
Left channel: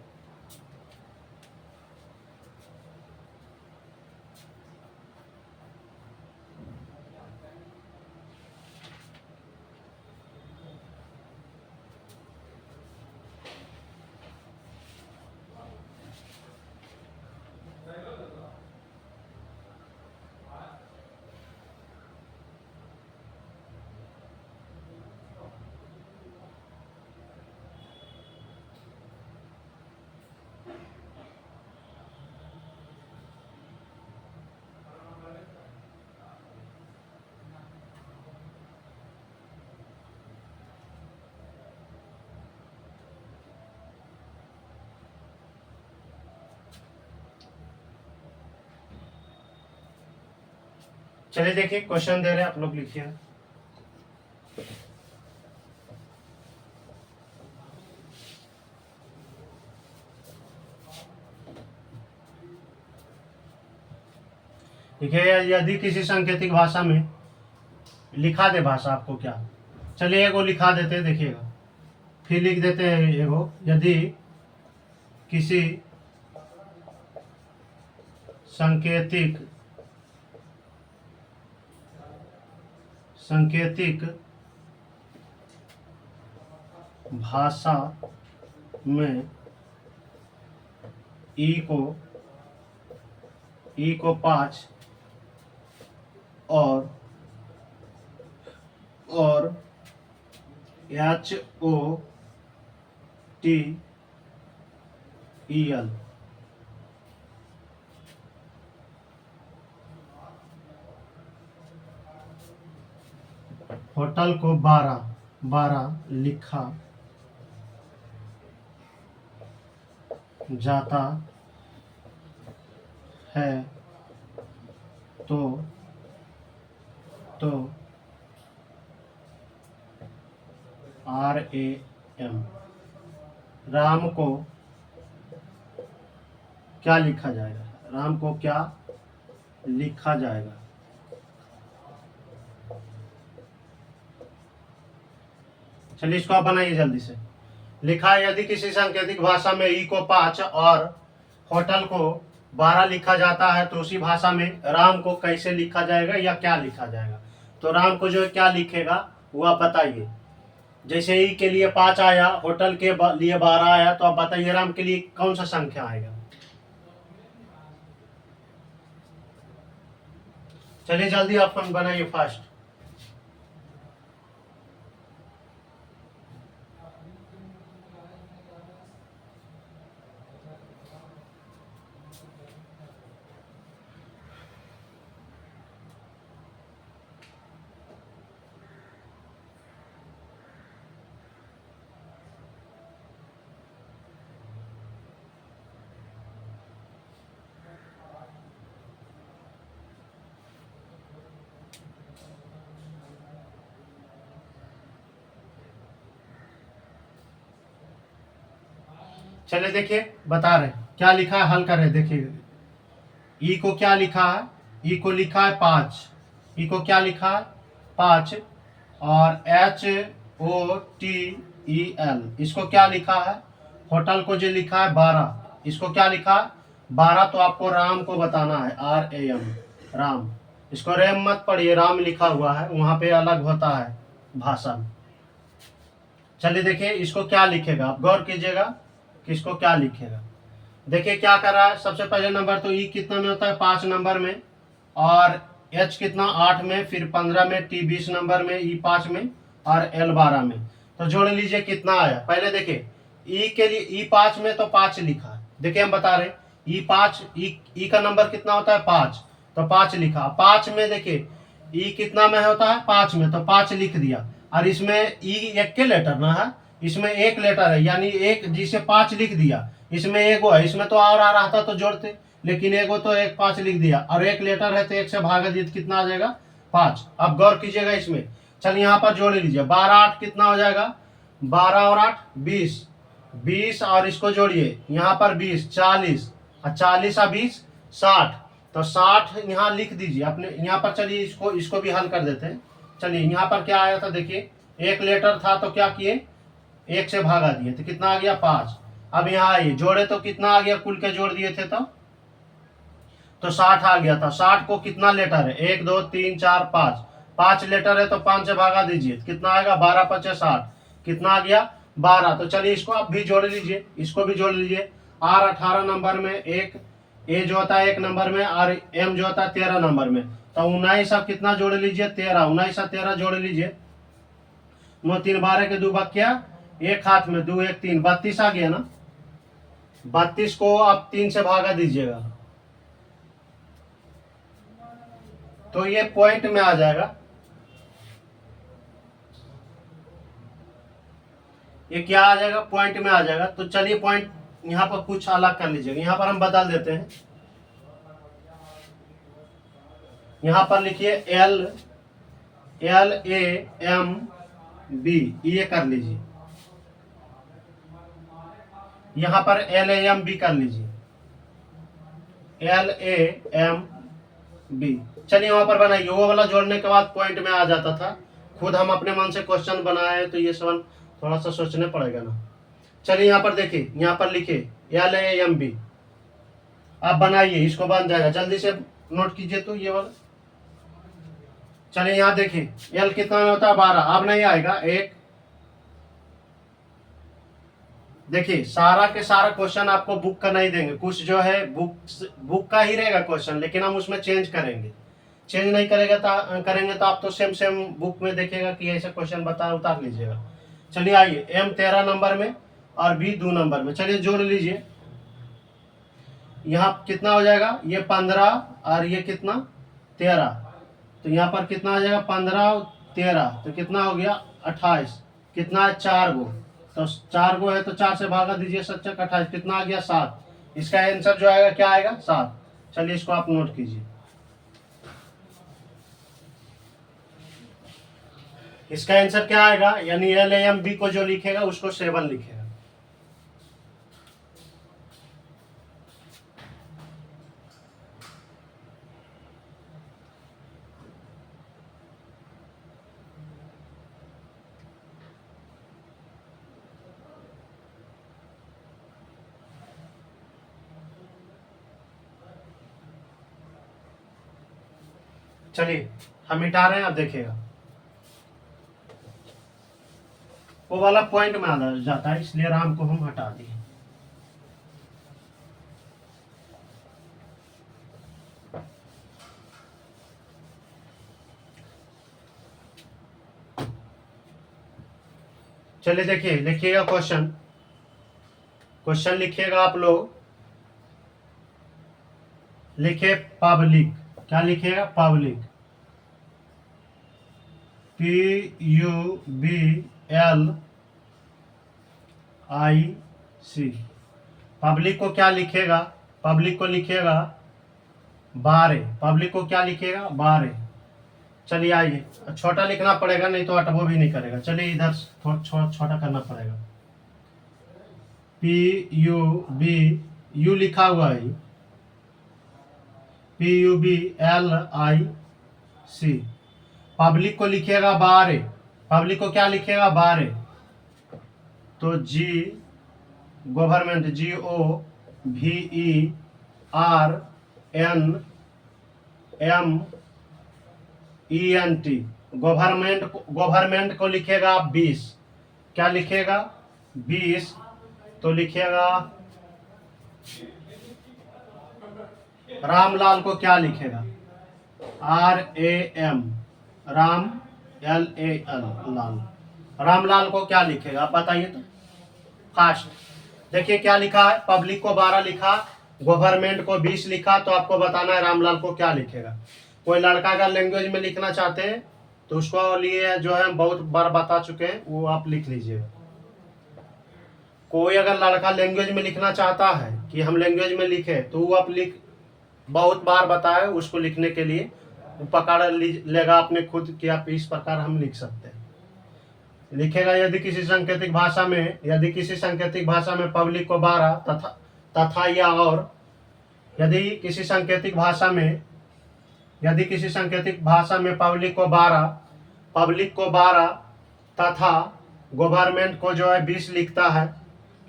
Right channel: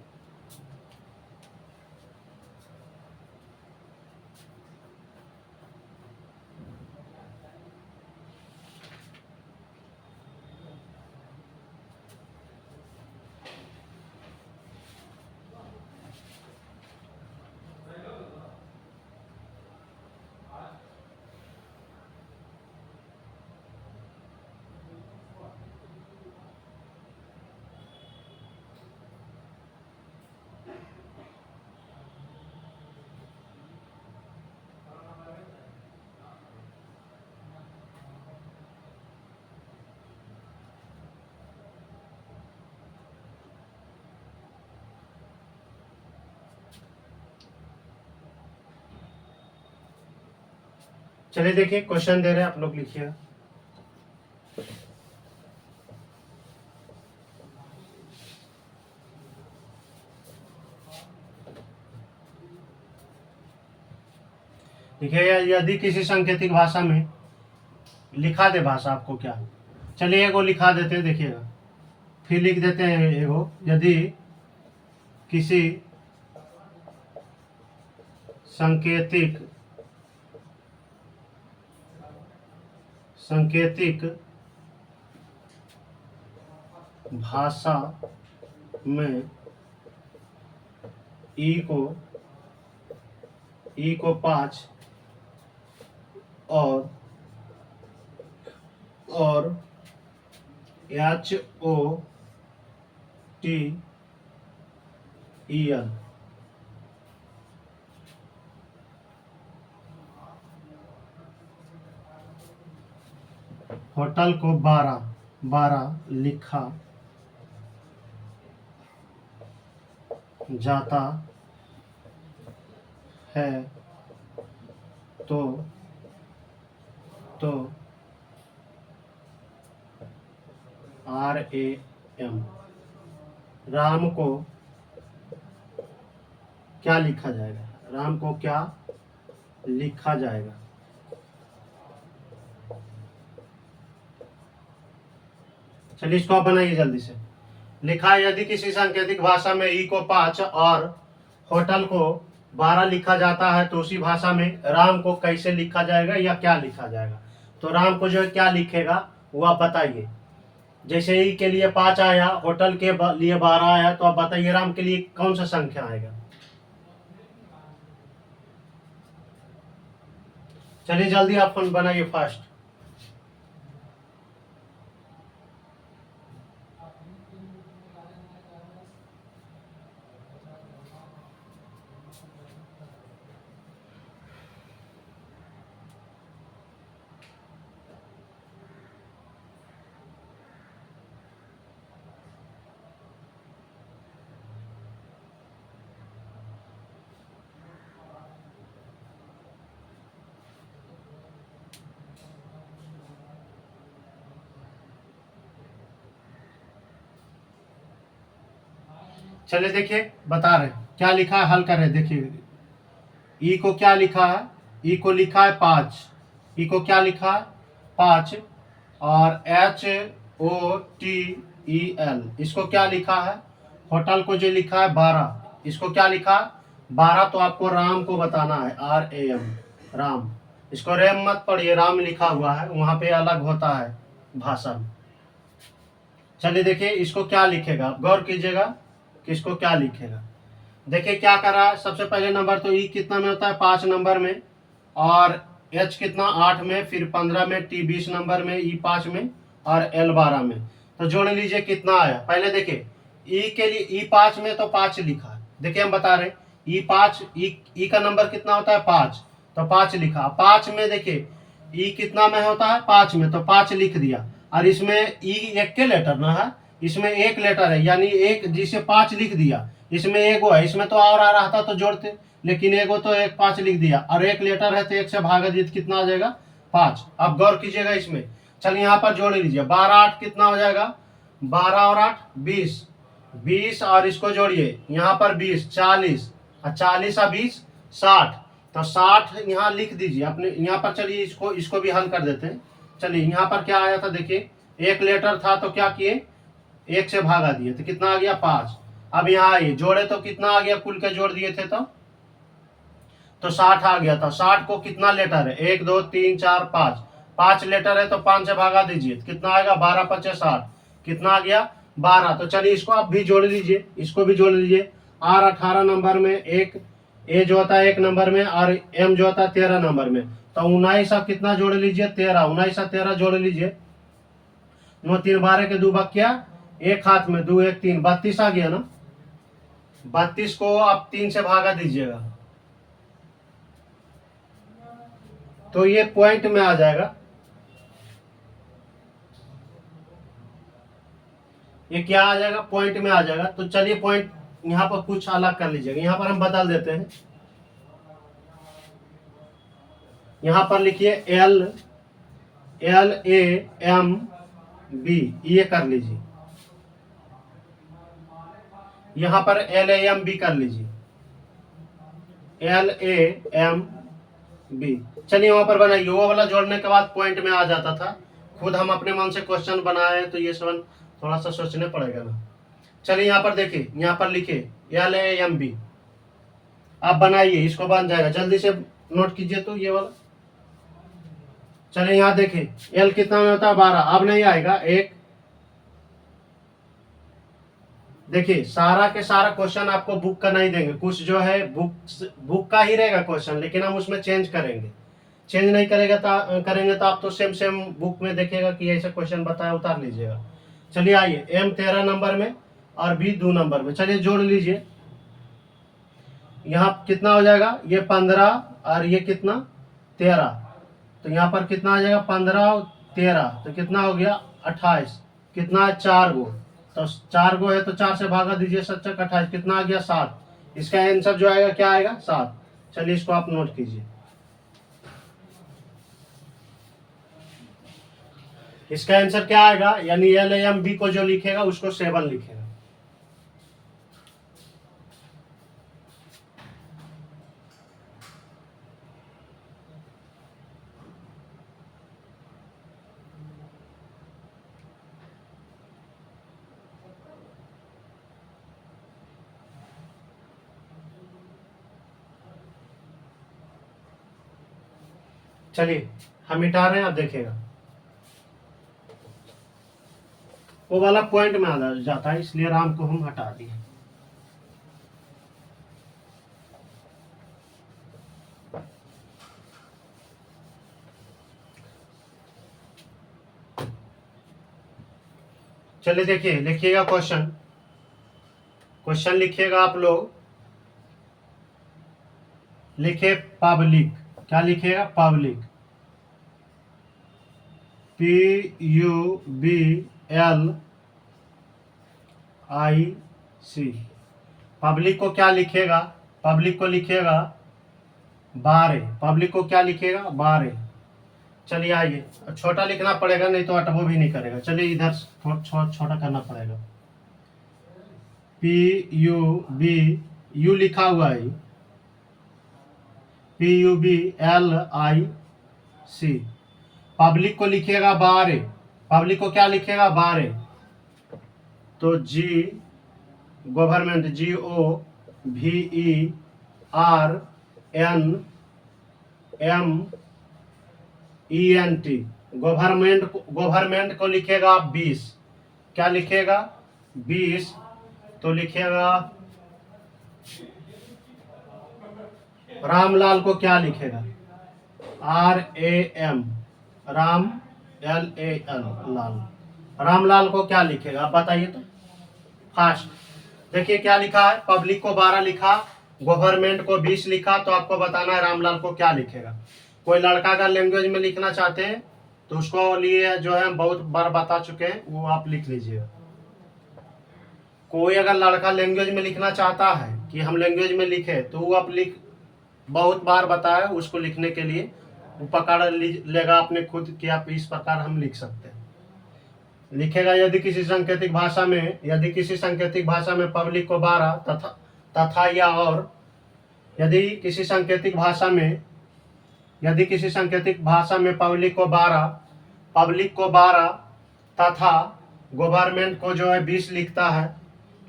चलिए देखिए क्वेश्चन दे रहे हैं, आप लोग लिखिए। देखिए यदि किसी सांकेतिक भाषा में लिखा दे, भाषा आपको क्या, चलिए एगो लिखा देते हैं, देखिएगा। फिर लिख देते हैं एगो, यदि किसी सांकेतिक भाषा में ई को 5 और HOTEL होटल को 12 लिखा जाता है तो RAM, राम को क्या लिखा जाएगा? राम को क्या लिखा जाएगा? चलिए इसको आप बनाइए जल्दी से। लिखा है, यदि किसी सांकेतिक भाषा में ई को 5 और होटल को 12 लिखा जाता है तो उसी भाषा में राम को कैसे लिखा जाएगा या क्या लिखा जाएगा? तो राम को जो है क्या लिखेगा वो आप बताइए। जैसे ई के लिए 5 आया, होटल के लिए 12 आया, तो आप बताइए राम के लिए कौन सा संख्या आएगा? चलिए जल्दी आप बनाइए फास्ट। चलिए देखिए बता रहे क्या लिखा है, हल कर रहे देखिए। ई को क्या लिखा है? ई को लिखा है 5। ई को क्या लिखा है? 5। और HOTEL इसको क्या लिखा है? होटल को जो लिखा है 12। इसको क्या लिखा है? 12। तो आपको राम को बताना है, RAM, राम। इसको रेम मत पढ़िए, राम लिखा हुआ है, वहां पे अलग होता है भाषा में। चलिए देखिए इसको क्या लिखेगा, आप गौर कीजिएगा कि इसको क्या लिखेगा। देखिए क्या कर रहा है, सबसे पहले नंबर तो ई कितना में होता है? 5 नंबर में, और H कितना 8 में, फिर 15 में, T 20 नंबर में, E 5 में और L 12 में। तो जोड़ लीजिए कितना आया। पहले देखिए E के लिए E 5 में तो 5 लिखा है। देखिए हम बता रहे E 5, E का नंबर कितना होता है? 5, तो 5 लिखा। 5 में देखिए E कितना में होता है? 5 में, तो 5 लिख दिया। और इसमें E एक के लेटर ना है, इसमें एक लेटर है, यानी एक जिसे 5 लिख दिया। इसमें एगो है, इसमें तो और आ रहा था तो जोड़ते, लेकिन एगो तो एक 5 लिख दिया, और एक लेटर है तो एक से भागा दिया, कितना आ जाएगा? 5। अब गौर कीजिएगा इसमें। चलिए यहाँ पर जोड़ लीजिए, 12 8 कितना हो जाएगा? 12 और 8 20, 20 और इसको जोड़िए, यहाँ पर 20 40, और 40 और 20 60। तो 60 यहाँ लिख दीजिए अपने यहाँ पर। चलिए इसको भी हल कर देते हैं। चलिए यहाँ पर क्या आया था देखिए, एक लेटर था तो क्या किए? एक से भागा दिए, तो कितना आ गया? 5। अब यहाँ आइए, जोड़े तो कितना आ गया? कुल के जोड़ दिए थे तो 60 आ गया था। 60 को कितना लेटर है? 1 2 3 4 5, 5 लेटर है तो 5 से भागा दीजिए, कितना आएगा? 12 5 60, कितना आ गया? 12। तो चलिए इसको आप भी जोड़ लीजिए, इसको भी जोड़ लीजिए। R 18 नंबर में, एक A जो होता है 1 नंबर में, और M जो होता है 13 नंबर में। तो 19 आप कितना जोड़ लीजिए? 13। 19 और 13 जोड़ लीजिए। 9 3 12 के 2 बक्या, एक हाथ में 2 1 3, 32 आ गया ना। 32 को आप 3 से भागा दीजिएगा तो ये पॉइंट में आ जाएगा। ये क्या आ जाएगा? पॉइंट में आ जाएगा। तो चलिए पॉइंट यहाँ पर कुछ अलग कर लीजिएगा, यहाँ पर हम बदल देते हैं। यहाँ पर लिखिए LAMB, ये कर लीजिए। यहाँ पर LAMB कर लीजिए, LAMB। चलिए वहां पर बनाइए, वो वाला जोड़ने के बाद पॉइंट में आ जाता था। खुद हम अपने मन से क्वेश्चन बनाए तो ये सब थोड़ा सा सोचने पड़ेगा ना। चलिए यहाँ पर देखिए, यहाँ पर लिखिए LAMB, आप बनाइए, इसको बन जाएगा। जल्दी से नोट कीजिए तो ये वाला। चलिए यहाँ देखिए, L कितना में होता है? 12। अब नहीं आएगा, एक। देखिए सारा के सारा क्वेश्चन आपको बुक का नहीं देंगे, कुछ जो है बुक का ही रहेगा क्वेश्चन, लेकिन हम उसमें चेंज करेंगे। चेंज नहीं करेंगे तो आप तो सेम सेम बुक में देखेगा कि ऐसा क्वेश्चन बताया, उतार लीजिएगा। चलिए आइए, M 13 नंबर में और B 2 नंबर में। चलिए जोड़ लीजिए, यहाँ कितना हो जाएगा? ये 15 और ये कितना? 13। तो यहाँ पर कितना आ जाएगा? 15 और 13, तो कितना हो गया? 28। कितना है? 4 गो। तो 4 गो है तो 4 से भागा दीजिए, 7 28, कितना आ गया 7। इसका आंसर जो आएगा क्या आएगा 7। चलिए इसको आप नोट कीजिए। इसका आंसर क्या आएगा, यानी LAMB को जो लिखेगा उसको 7 लिखेगा। चलिए हम मिटा रहे हैं, आप देखिएगा वो वाला पॉइंट में आ जाता है, इसलिए राम को हम हटा दिए। चलिए देखिए, लिखिएगा क्वेश्चन लिखिएगा आप लोग, लिखिए पब्लिक। क्या लिखिएगा, पब्लिक, PUBLIC। पब्लिक को क्या लिखिएगा, पब्लिक को लिखिएगा 12। पब्लिक को क्या लिखिएगा 12। चलिए आइए, छोटा लिखना पड़ेगा नहीं तो अटबो भी नहीं करेगा। चलिए इधर छोटा करना पड़ेगा। PUB लिखा हुआ है, PUBLIC। पब्लिक को लिखिएगा 12। पब्लिक को क्या लिखिएगा 12। तो G गवर्नमेंट, GOVERNMENT, गवर्नमेंट को लिखिएगा आप 20। क्या लिखिएगा 20। तो लिखिएगा रामलाल को क्या लिखेगा, RAM, राम, LAL, लाल। रामलाल को क्या लिखेगा आप बताइए तो फास्ट। देखिए क्या लिखा है, पब्लिक को 12 लिखा, गवर्नमेंट को 20 लिखा, तो आपको बताना है रामलाल को क्या लिखेगा। कोई लड़का अगर लैंग्वेज में लिखना चाहते हैं तो उसको लिए जो है बहुत बार बता चुके हैं, वो आप लिख लीजिएगा। कोई अगर लड़का लैंग्वेज में लिखना चाहता है कि हम लैंग्वेज में लिखे, तो वो आप बहुत बार बताए उसको लिखने के लिए, वो पकड़ लेगा अपने खुद कि आप इस प्रकार हम लिख सकते हैं। लिखेगा यदि किसी सांकेतिक भाषा में पब्लिक को 12 तथा या और, यदि किसी सांकेतिक भाषा में पब्लिक को 12 तथा गवर्नमेंट को जो है 20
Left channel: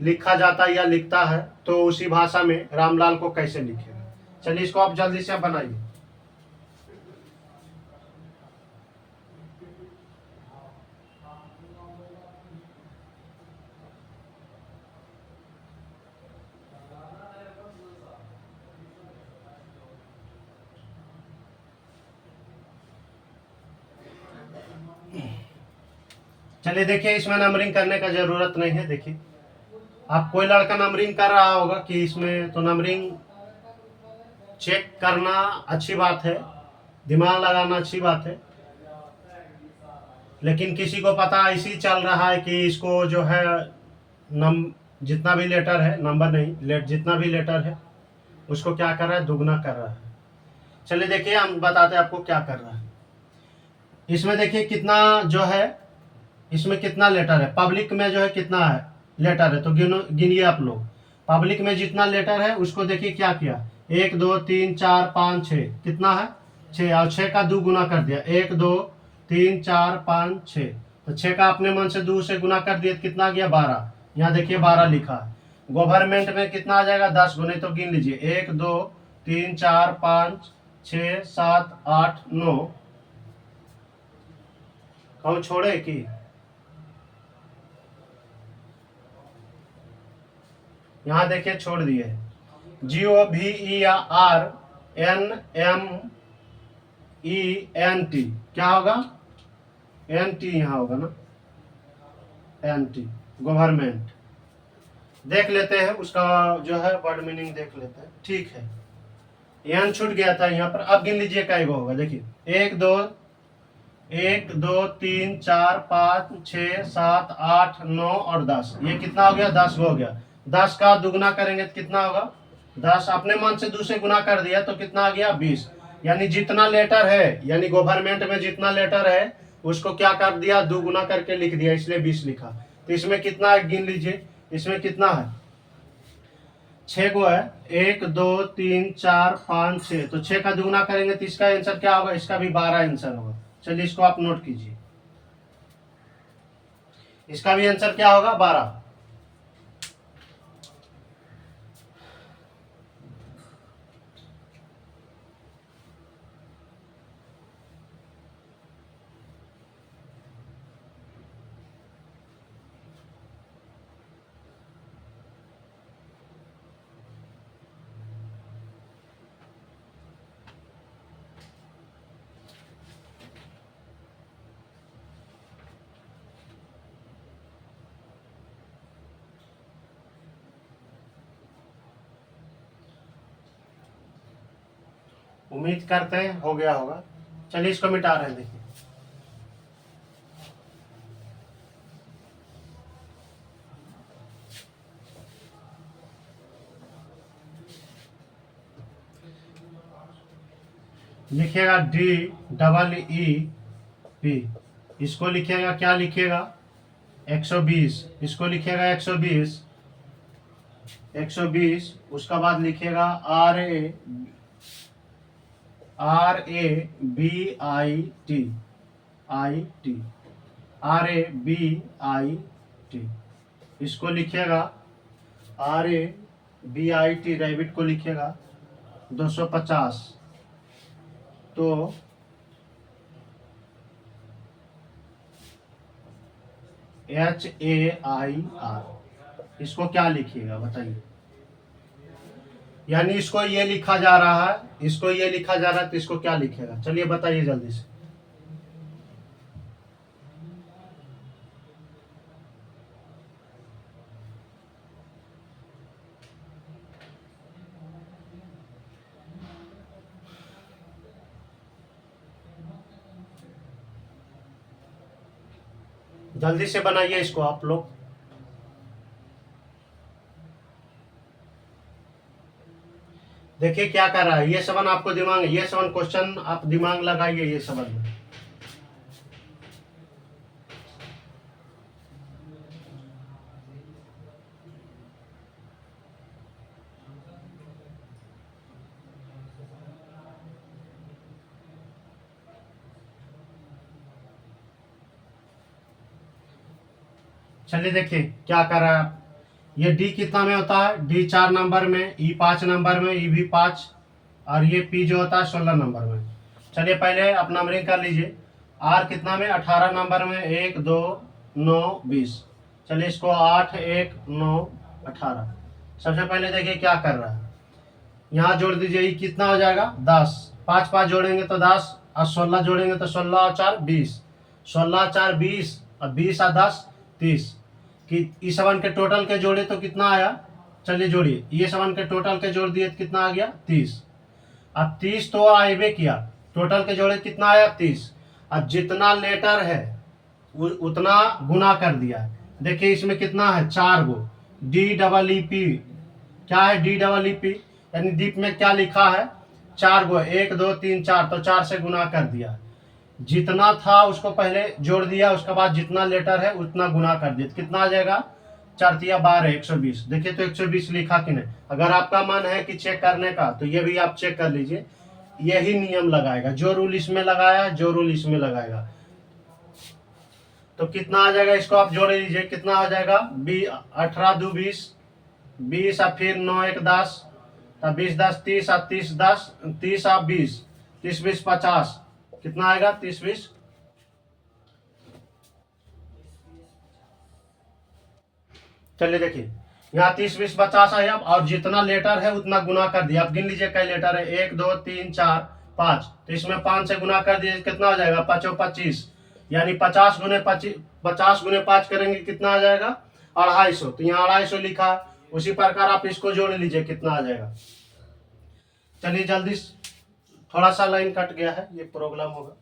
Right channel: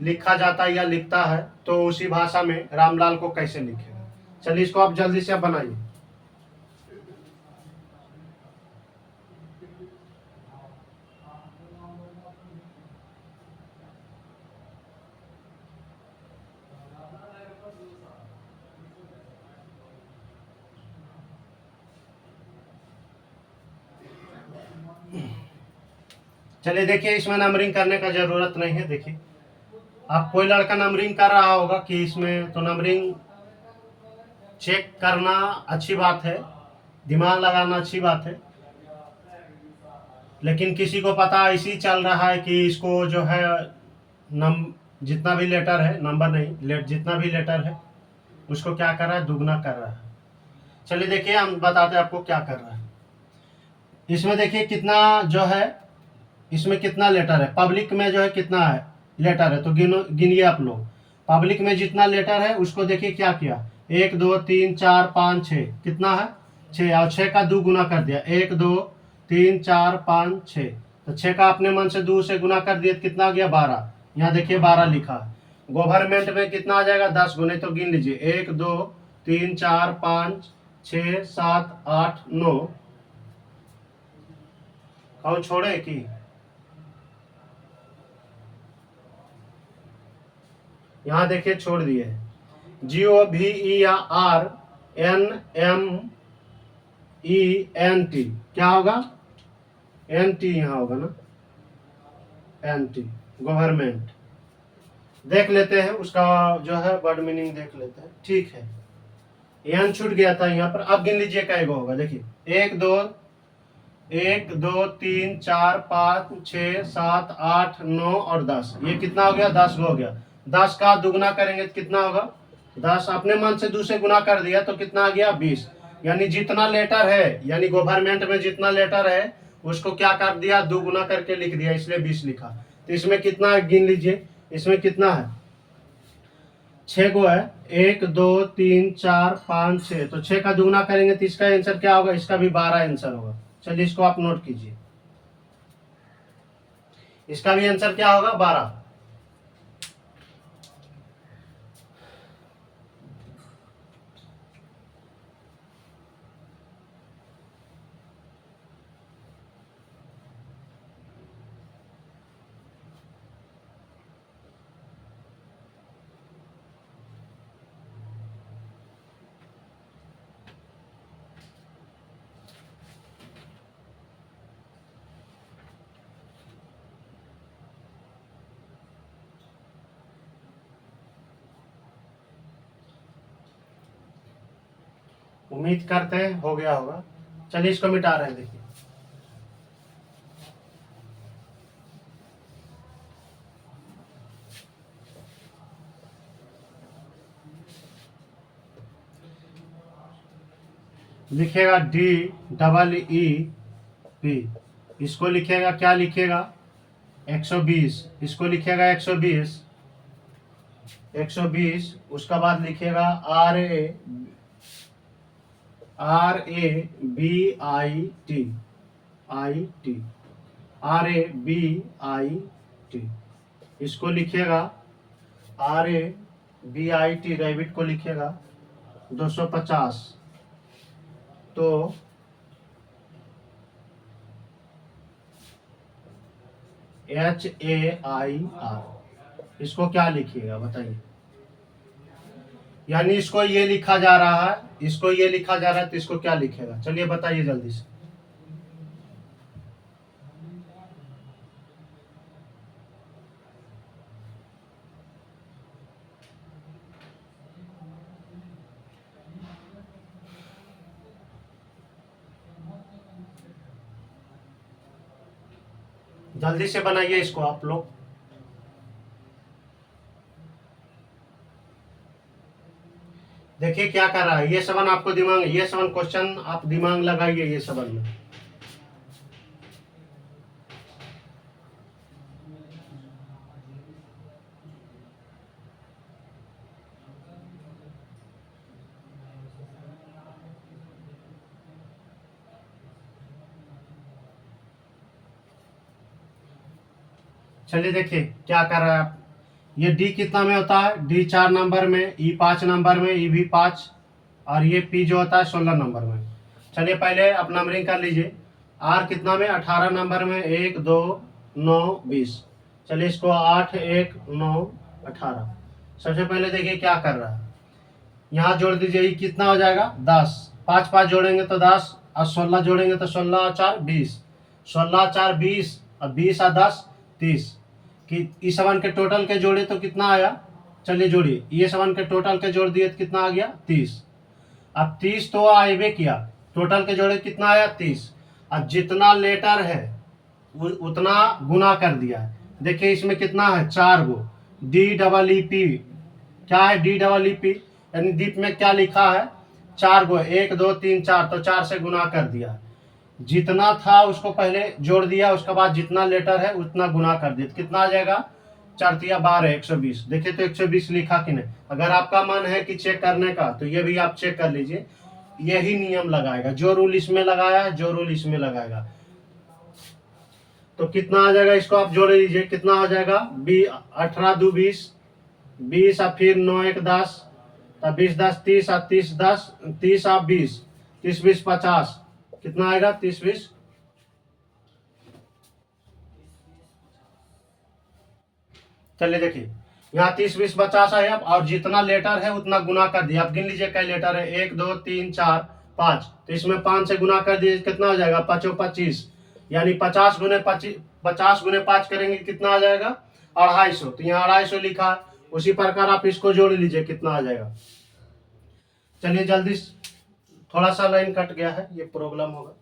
लिखा जाता है या लिखता है, तो उसी भाषा में रामलाल को कैसे लिखेगा। चलिए इसको आप जल्दी से बनाइए। चलिए देखिए, इसमें नंबरिंग करने का जरूरत नहीं है। देखिए आप कोई लड़का नंबरिंग कर रहा होगा कि इसमें, तो नंबरिंग चेक करना अच्छी बात है, दिमाग लगाना अच्छी बात है, लेकिन किसी को पता ऐसी चल रहा है कि इसको जो है जितना भी लेटर है, नंबर नहीं, जितना भी लेटर है उसको क्या कर रहा है, दुगना कर रहा है। चलिए देखिए हम बताते हैं आपको क्या कर रहा है। इसमें देखिए कितना जो है, इसमें कितना लेटर है, पब्लिक में जो है कितना है लेटर है, तो गिनिए आप लोग। पब्लिक में जितना लेटर है उसको देखिए क्या किया, 1 2 3 4 5 6, कितना है 6, और 6 का 2 गुना कर दिया, 1 2 3 4 5 6, तो 6 का अपने मन से 2 से गुना कर दिया, कितना आ गया 12। यहाँ देखिए 12 लिखा है। गवर्नमेंट में कितना आ जाएगा 10 गुने, तो गिन लीजिए 1 2 3 4 5 6 7 8 9, कौन छोड़े कि यहाँ देखिए छोड़ दिए, GOVERNMENT, क्या होगा NT, यहाँ होगा ना NT, गवर्नमेंट। देख लेते हैं उसका जो है वर्ड मीनिंग देख लेते हैं। ठीक है, एन छूट गया था यहाँ पर। अब गिन लीजिए क्या होगा, देखिए 1 2 1 2 3 4 5 6 7 8 9 और 10, ये कितना हो गया? 10 हो गया। 10 का दुगना करेंगे तो कितना होगा? 10 अपने मन से 2 से गुना कर दिया तो कितना आ गया? 20। यानी जितना लेटर है, यानी गवर्नमेंट में जितना लेटर है उसको क्या कर दिया? दुगुना करके लिख दिया, इसलिए 20 लिखा। तो इसमें कितना है गिन लीजिए, इसमें कितना है? 6 गो है, 1 2 3 4 5 6, तो 6 का दुगना करेंगे तो इसका आंसर क्या होगा? इसका भी 12 आंसर होगा। चलिए इसको आप नोट कीजिए, इसका भी आंसर क्या होगा? 12। उम्मीद करते हैं हो गया होगा। चलिए इसको मिटा रहे हैं, देखिए। लिखिएगा DEE P, इसको लिखिएगा क्या लिखिएगा? 120, इसको लिखिएगा 120, 120। उसका बाद लिखिएगा RABIT, इसको लिखिएगा RABIT, रैबिट को लिखिएगा 250। तो HAIR, इसको क्या लिखिएगा बताइए? यानी इसको ये लिखा जा रहा है, इसको ये लिखा जा रहा है, तो इसको क्या लिखेगा? चलिए बताइए जल्दी से। जल्दी से बनाइए इसको आप लोग। देखिए क्या कर रहा है ये सबन, आपको दिमाग, ये सबन क्वेश्चन आप दिमाग लगाइए ये सबन में। चलिए देखिए क्या कर रहा है आप। ये डी कितना में होता है? डी 4 नंबर में, ई 5 नंबर में, ई भी 5, और ये पी जो होता है 16 नंबर में। चलिए पहले आप नंबरिंग कर लीजिए। आर कितना में? 18 नंबर में, 1 2 9 20। चलिए इसको 8 1 9 18। सबसे पहले देखिए क्या कर रहा है, यहाँ जोड़ दीजिए, ये कितना हो जाएगा? 10। 5 5 जोड़ेंगे तो 10, और 16 जोड़ेंगे तो 16 और 4 20, 16 4 20, और 20 और 10 30। कि इस सवन के टोटल के जोड़े तो कितना आया? चलिए जोड़िए, ये सवन के टोटल के जोड़ दिए तो कितना आ गया? 30। अब 30 तो आइबे किया, टोटल के जोड़े कितना आया? 30। अब जितना लेटर है उतना गुना कर दिया है। देखिए इसमें कितना है? 4 गो। DEEP, क्या है? DEEP, यानी दीप में क्या लिखा है? 4 गो, 1 2 3 4, तो 4 से गुना कर दिया। जितना था उसको पहले जोड़ दिया, उसके बाद जितना लेटर है उतना गुना कर दिया, कितना आ जाएगा? 4 तिया 12, 120। देखिए तो 120 लिखा कि नहीं? अगर आपका मन है कि चेक करने का तो ये भी आप चेक कर लीजिए। यही नियम लगाएगा, जो रूल इसमें लगाया जो रूल इसमें लगाएगा। तो कितना आ जाएगा? इसको आप जोड़ लीजिए, कितना हो जाएगा? 18 2 20, 20 और फिर 9 1 10, तब 20 10 30, और 30 10 30 और 20, 30 20 50, कितना आएगा? 30 20। चलिए देखिए यहाँ 30 20 50 है अब, और जितना लेटर है उतना गुना कर दिया। अब गिन लीजिए कई लेटर है, 1 2 3 4 5, तो इसमें 5 से गुना कर दिए, कितना हो जाएगा? 5 25, यानी 50 गुने 25, 50 गुने 5 करेंगे कितना आ जाएगा? 250। तो यहाँ 250 लिखा है, उसी प्रकार आप इसको जोड़ लीजिए, कितना आ जाएगा? चलिए जल्दी, थोड़ा सा लाइन कट गया है, ये प्रॉब्लम होगा।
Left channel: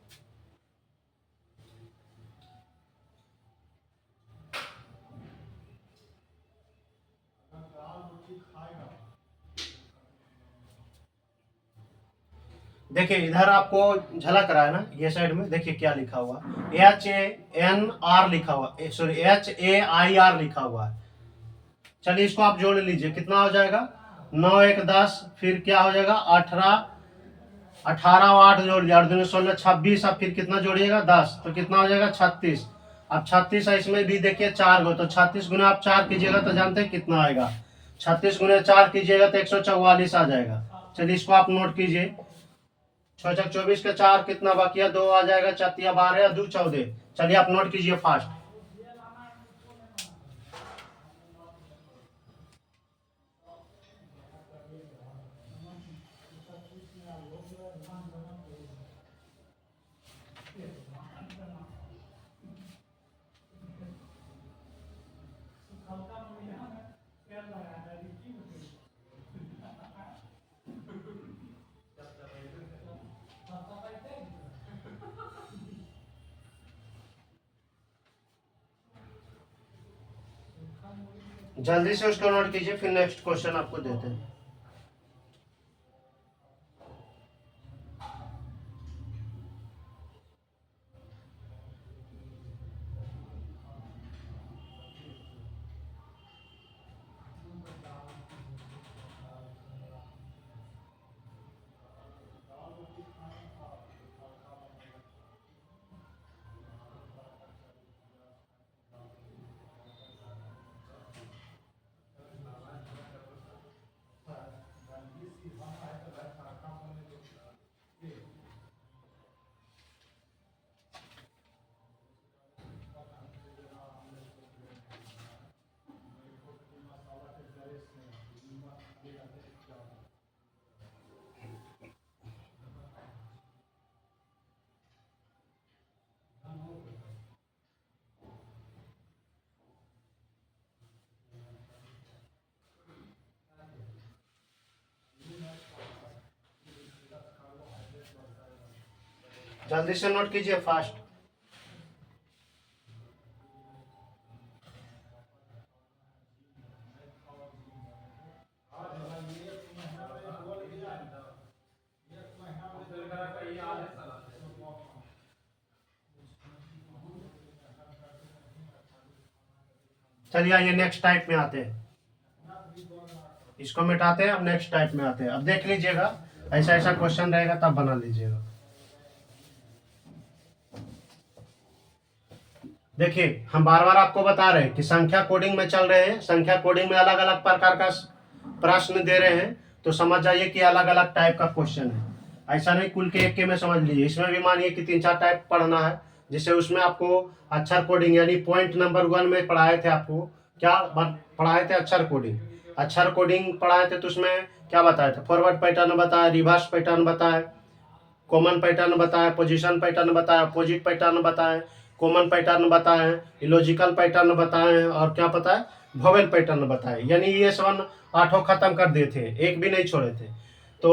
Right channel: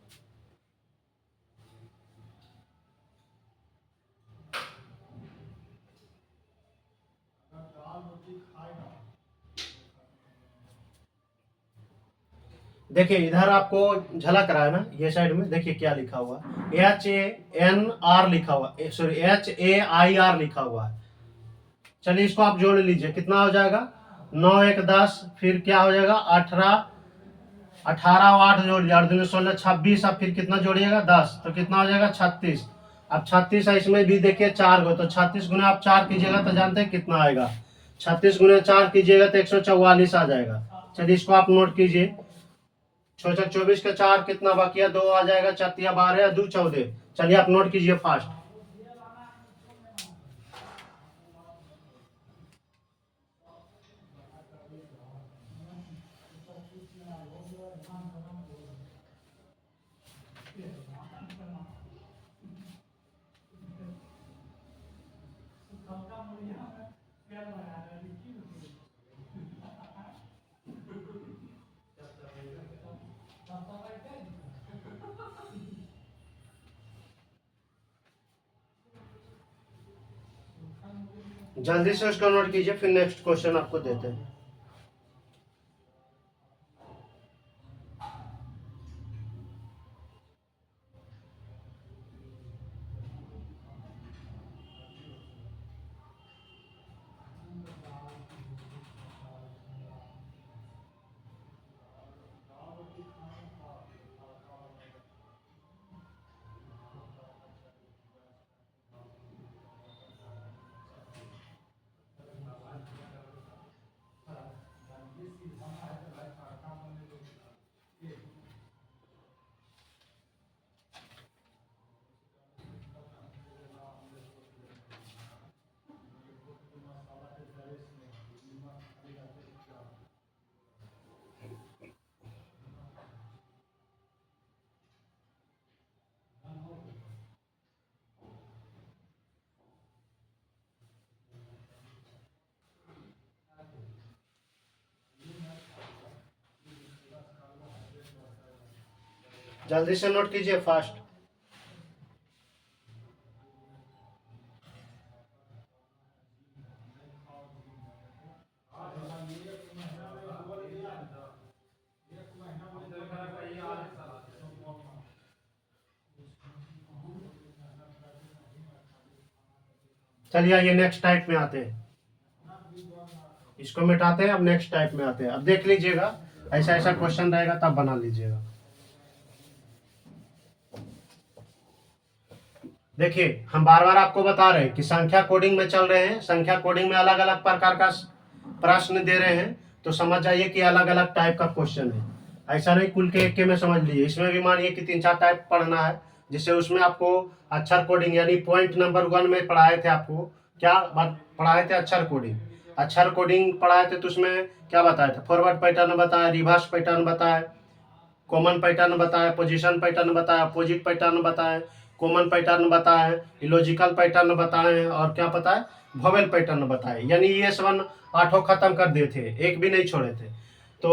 देखिए इधर आपको झलक रहा है ना, ये साइड में देखिए क्या लिखा हुआ, HANR लिखा हुआ, सॉरी HAIR लिखा हुआ है। चलिए इसको आप जोड़ लीजिए, कितना हो जाएगा, 9 1 10, फिर क्या हो जाएगा 18, 18 और 8 जोड़ लिया, 8 दूनी 16, 26, अब फिर कितना जोड़िएगा 10, तो कितना हो जाएगा 36। अब 36 है, इसमें भी देखिए 4 गो, तो 36 गुने आप 4 कीजिएगा तो जानते हैं कितना आएगा, 36 गुने 4 कीजिएगा तो 144 आ जाएगा। चलिए इसको आप नोट कीजिए, 6 24 के 4 कितना बाकी है, 2 आ जाएगा, 4 12 2 14। चलिए आप नोट कीजिए फास्ट। जल्दी से उसको नोट कीजिए, फिर नेक्स्ट क्वेश्चन आपको देते हैं। जल्दी से नोट कीजिए फास्ट। चलिए आइए नेक्स्ट टाइप में आते हैं, इसको मिटाते हैं, अब नेक्स्ट टाइप में आते हैं। अब देख लीजिएगा, ऐसा ऐसा क्वेश्चन रहेगा तब बना लीजिएगा। देखिए हम बार बार आपको बता रहे हैं कि संख्या कोडिंग में चल रहे हैं, संख्या कोडिंग में अलग अलग प्रकार का प्रश्न दे रहे हैं, तो समझ जाइए कि अलग अलग टाइप का क्वेश्चन है, ऐसा नहीं कुल के एक के में समझ लीजिए। इसमें भी मानिए कि 3 4 टाइप पढ़ना है, जिससे उसमें आपको अक्षर कोडिंग यानी पॉइंट नंबर 1 में पढ़ाए थे, आपको क्या पढ़ाए थे, अक्षर कोडिंग। अक्षर कोडिंग पढ़ाए थे तो उसमें क्या बताए थे, फॉरवर्ड पैटर्न बताया, रिवर्स पैटर्न बताया, कॉमन पैटर्न बताया, पोजीशन पैटर्न बताया, अपोजिट पैटर्न बताए, कॉमन पैटर्न बताए, इलॉजिकल पैटर्न बताए, और क्या बताए, वोवेल पैटर्न बताए। यानी ये सब 8 खत्म कर दिए थे, एक भी नहीं छोड़े थे। तो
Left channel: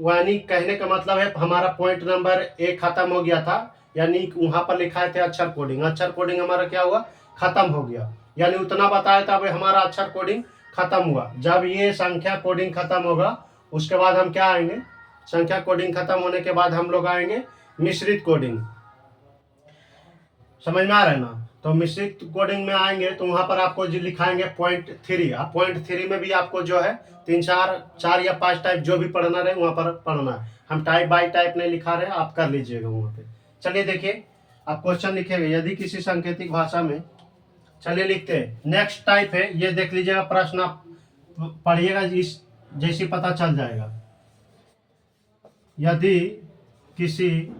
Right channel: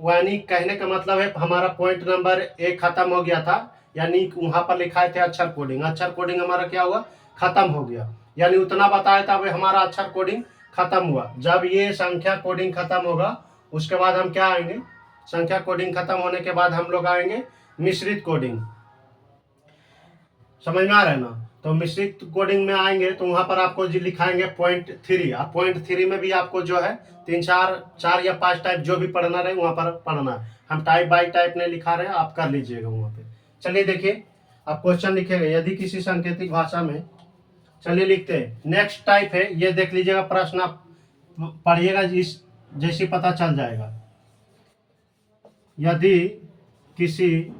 यानी कहने का मतलब है हमारा पॉइंट नंबर 1 खत्म हो गया था, यानी वहां पर लिखा थे अक्षर कोडिंग, अक्षर कोडिंग हमारा क्या हुआ, खत्म हो गया, यानी उतना बताया था वह हमारा अक्षर कोडिंग खत्म हुआ। जब ये संख्या कोडिंग खत्म होगा उसके बाद हम क्या आएंगे, संख्या कोडिंग खत्म होने के बाद हम लोग आएंगे मिश्रित कोडिंग। समझ में आ रहा है ना, तो मिश्रित कोडिंग में आएंगे तो वहां पर आपको जो लिखाएंगे .3। अब .3 में भी आपको जो है 3 4 या 5 टाइप जो भी पढ़ना रहे वहां पर पढ़ना है, हम टाइप बाय टाइप नहीं लिखा रहे हैं, आप कर लीजिएगा वहां पे। चलिए देखिए आप क्वेश्चन लिखेंगे, यदि किसी सांकेतिक भाषा में, चलिए लिखते हैं, नेक्स्ट टाइप है, ये देख लीजिएगा, प्रश्न आप पढ़िएगा इस जैसे पता चल जाएगा। यदि किसी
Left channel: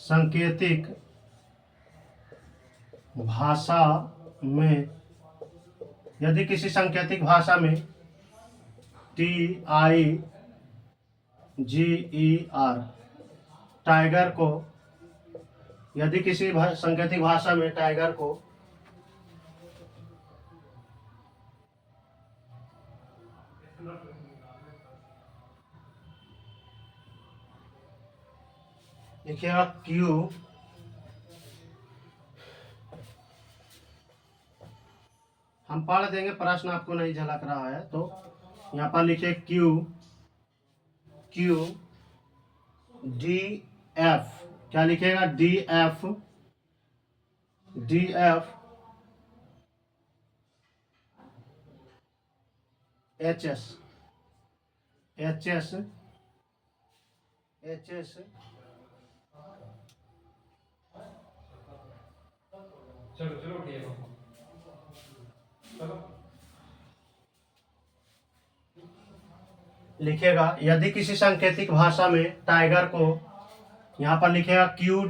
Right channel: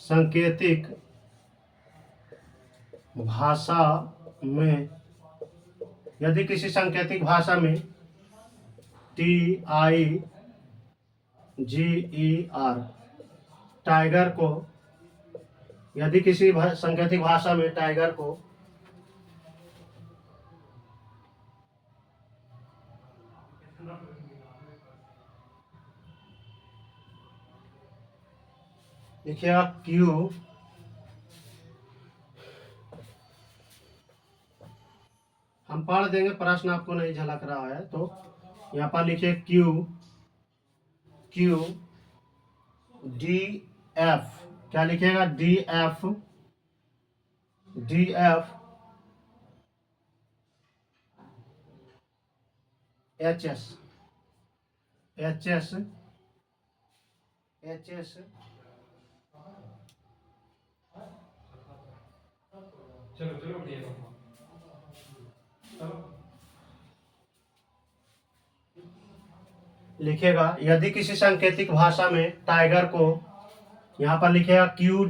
सांकेतिक भाषा में, यदि किसी सांकेतिक भाषा में TIGER टाइगर को, यदि किसी सांकेतिक भाषा में टाइगर को देखिएगा क्यू हम पढ़ देंगे, प्रश्न आपको नहीं झलक रहा है तो यहाँ पर लिखे क्यू क्यू डी एफ, क्या लिखेगा D F D F H S H S H S चलो चलो उठिए चलो लिखेगा। यदि किसी सांकेतिक भाषा में टाइगर को यहाँ पर लिखेगा Q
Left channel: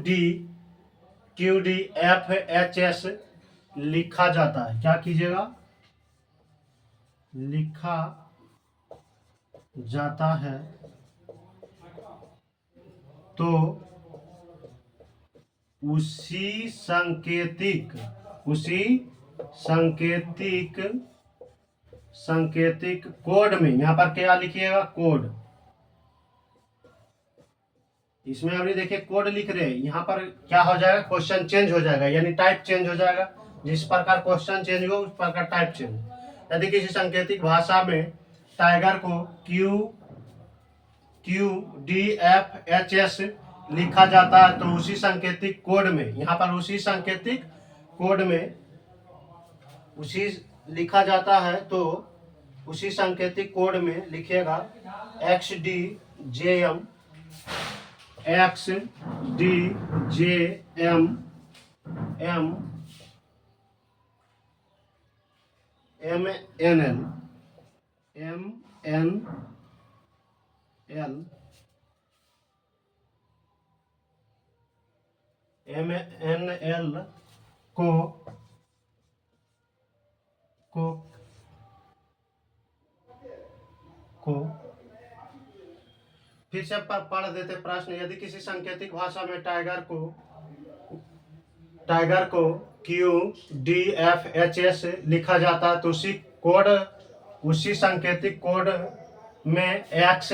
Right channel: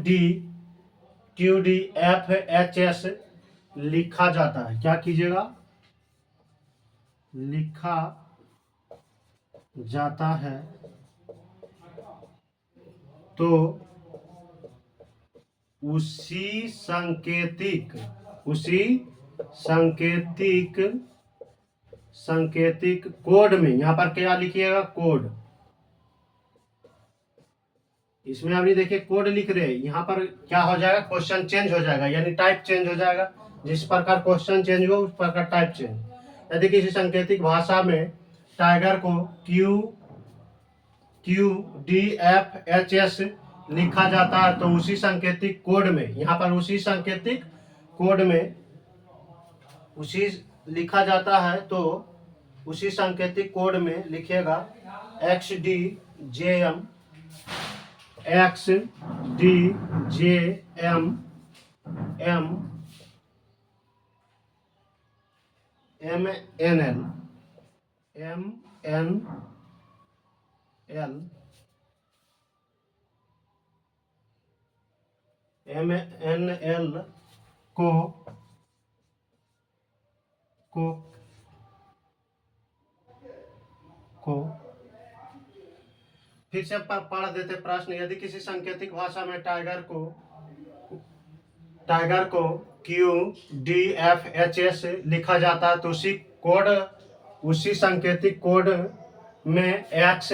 D F H S लिखा जाता है, क्या कीजिएगा, लिखा जाता है, तो उसी सांकेतिक कोड में, यहाँ पर क्या लिखिएगा, कोड। इसमें अभी देखिए कोड लिख रहे हैं, यहाँ पर क्या हो जाएगा, क्वेश्चन चेंज हो जाएगा, यानी टाइप चेंज हो जाएगा। जिस प्रकार क्वेश्चन चेंज हो उस प्रकार टाइप चेंज। यदि किसी सांकेतिक भाषा में टाइगर को Q D F H S लिखा जाता है, तो उसी सांकेतिक कोड में, यहाँ पर उसी सांकेतिक कोड में उसी लिखा जाता है, तो उसी सांकेतिक कोड में लिखेगा X D J M M N L को फिर से पढ़ देते प्रश्न। यदि किसी सांकेतिक भाषा में टाइगर को Q D F H S लिखा जाता है, तो उसी सांकेतिक कोड में X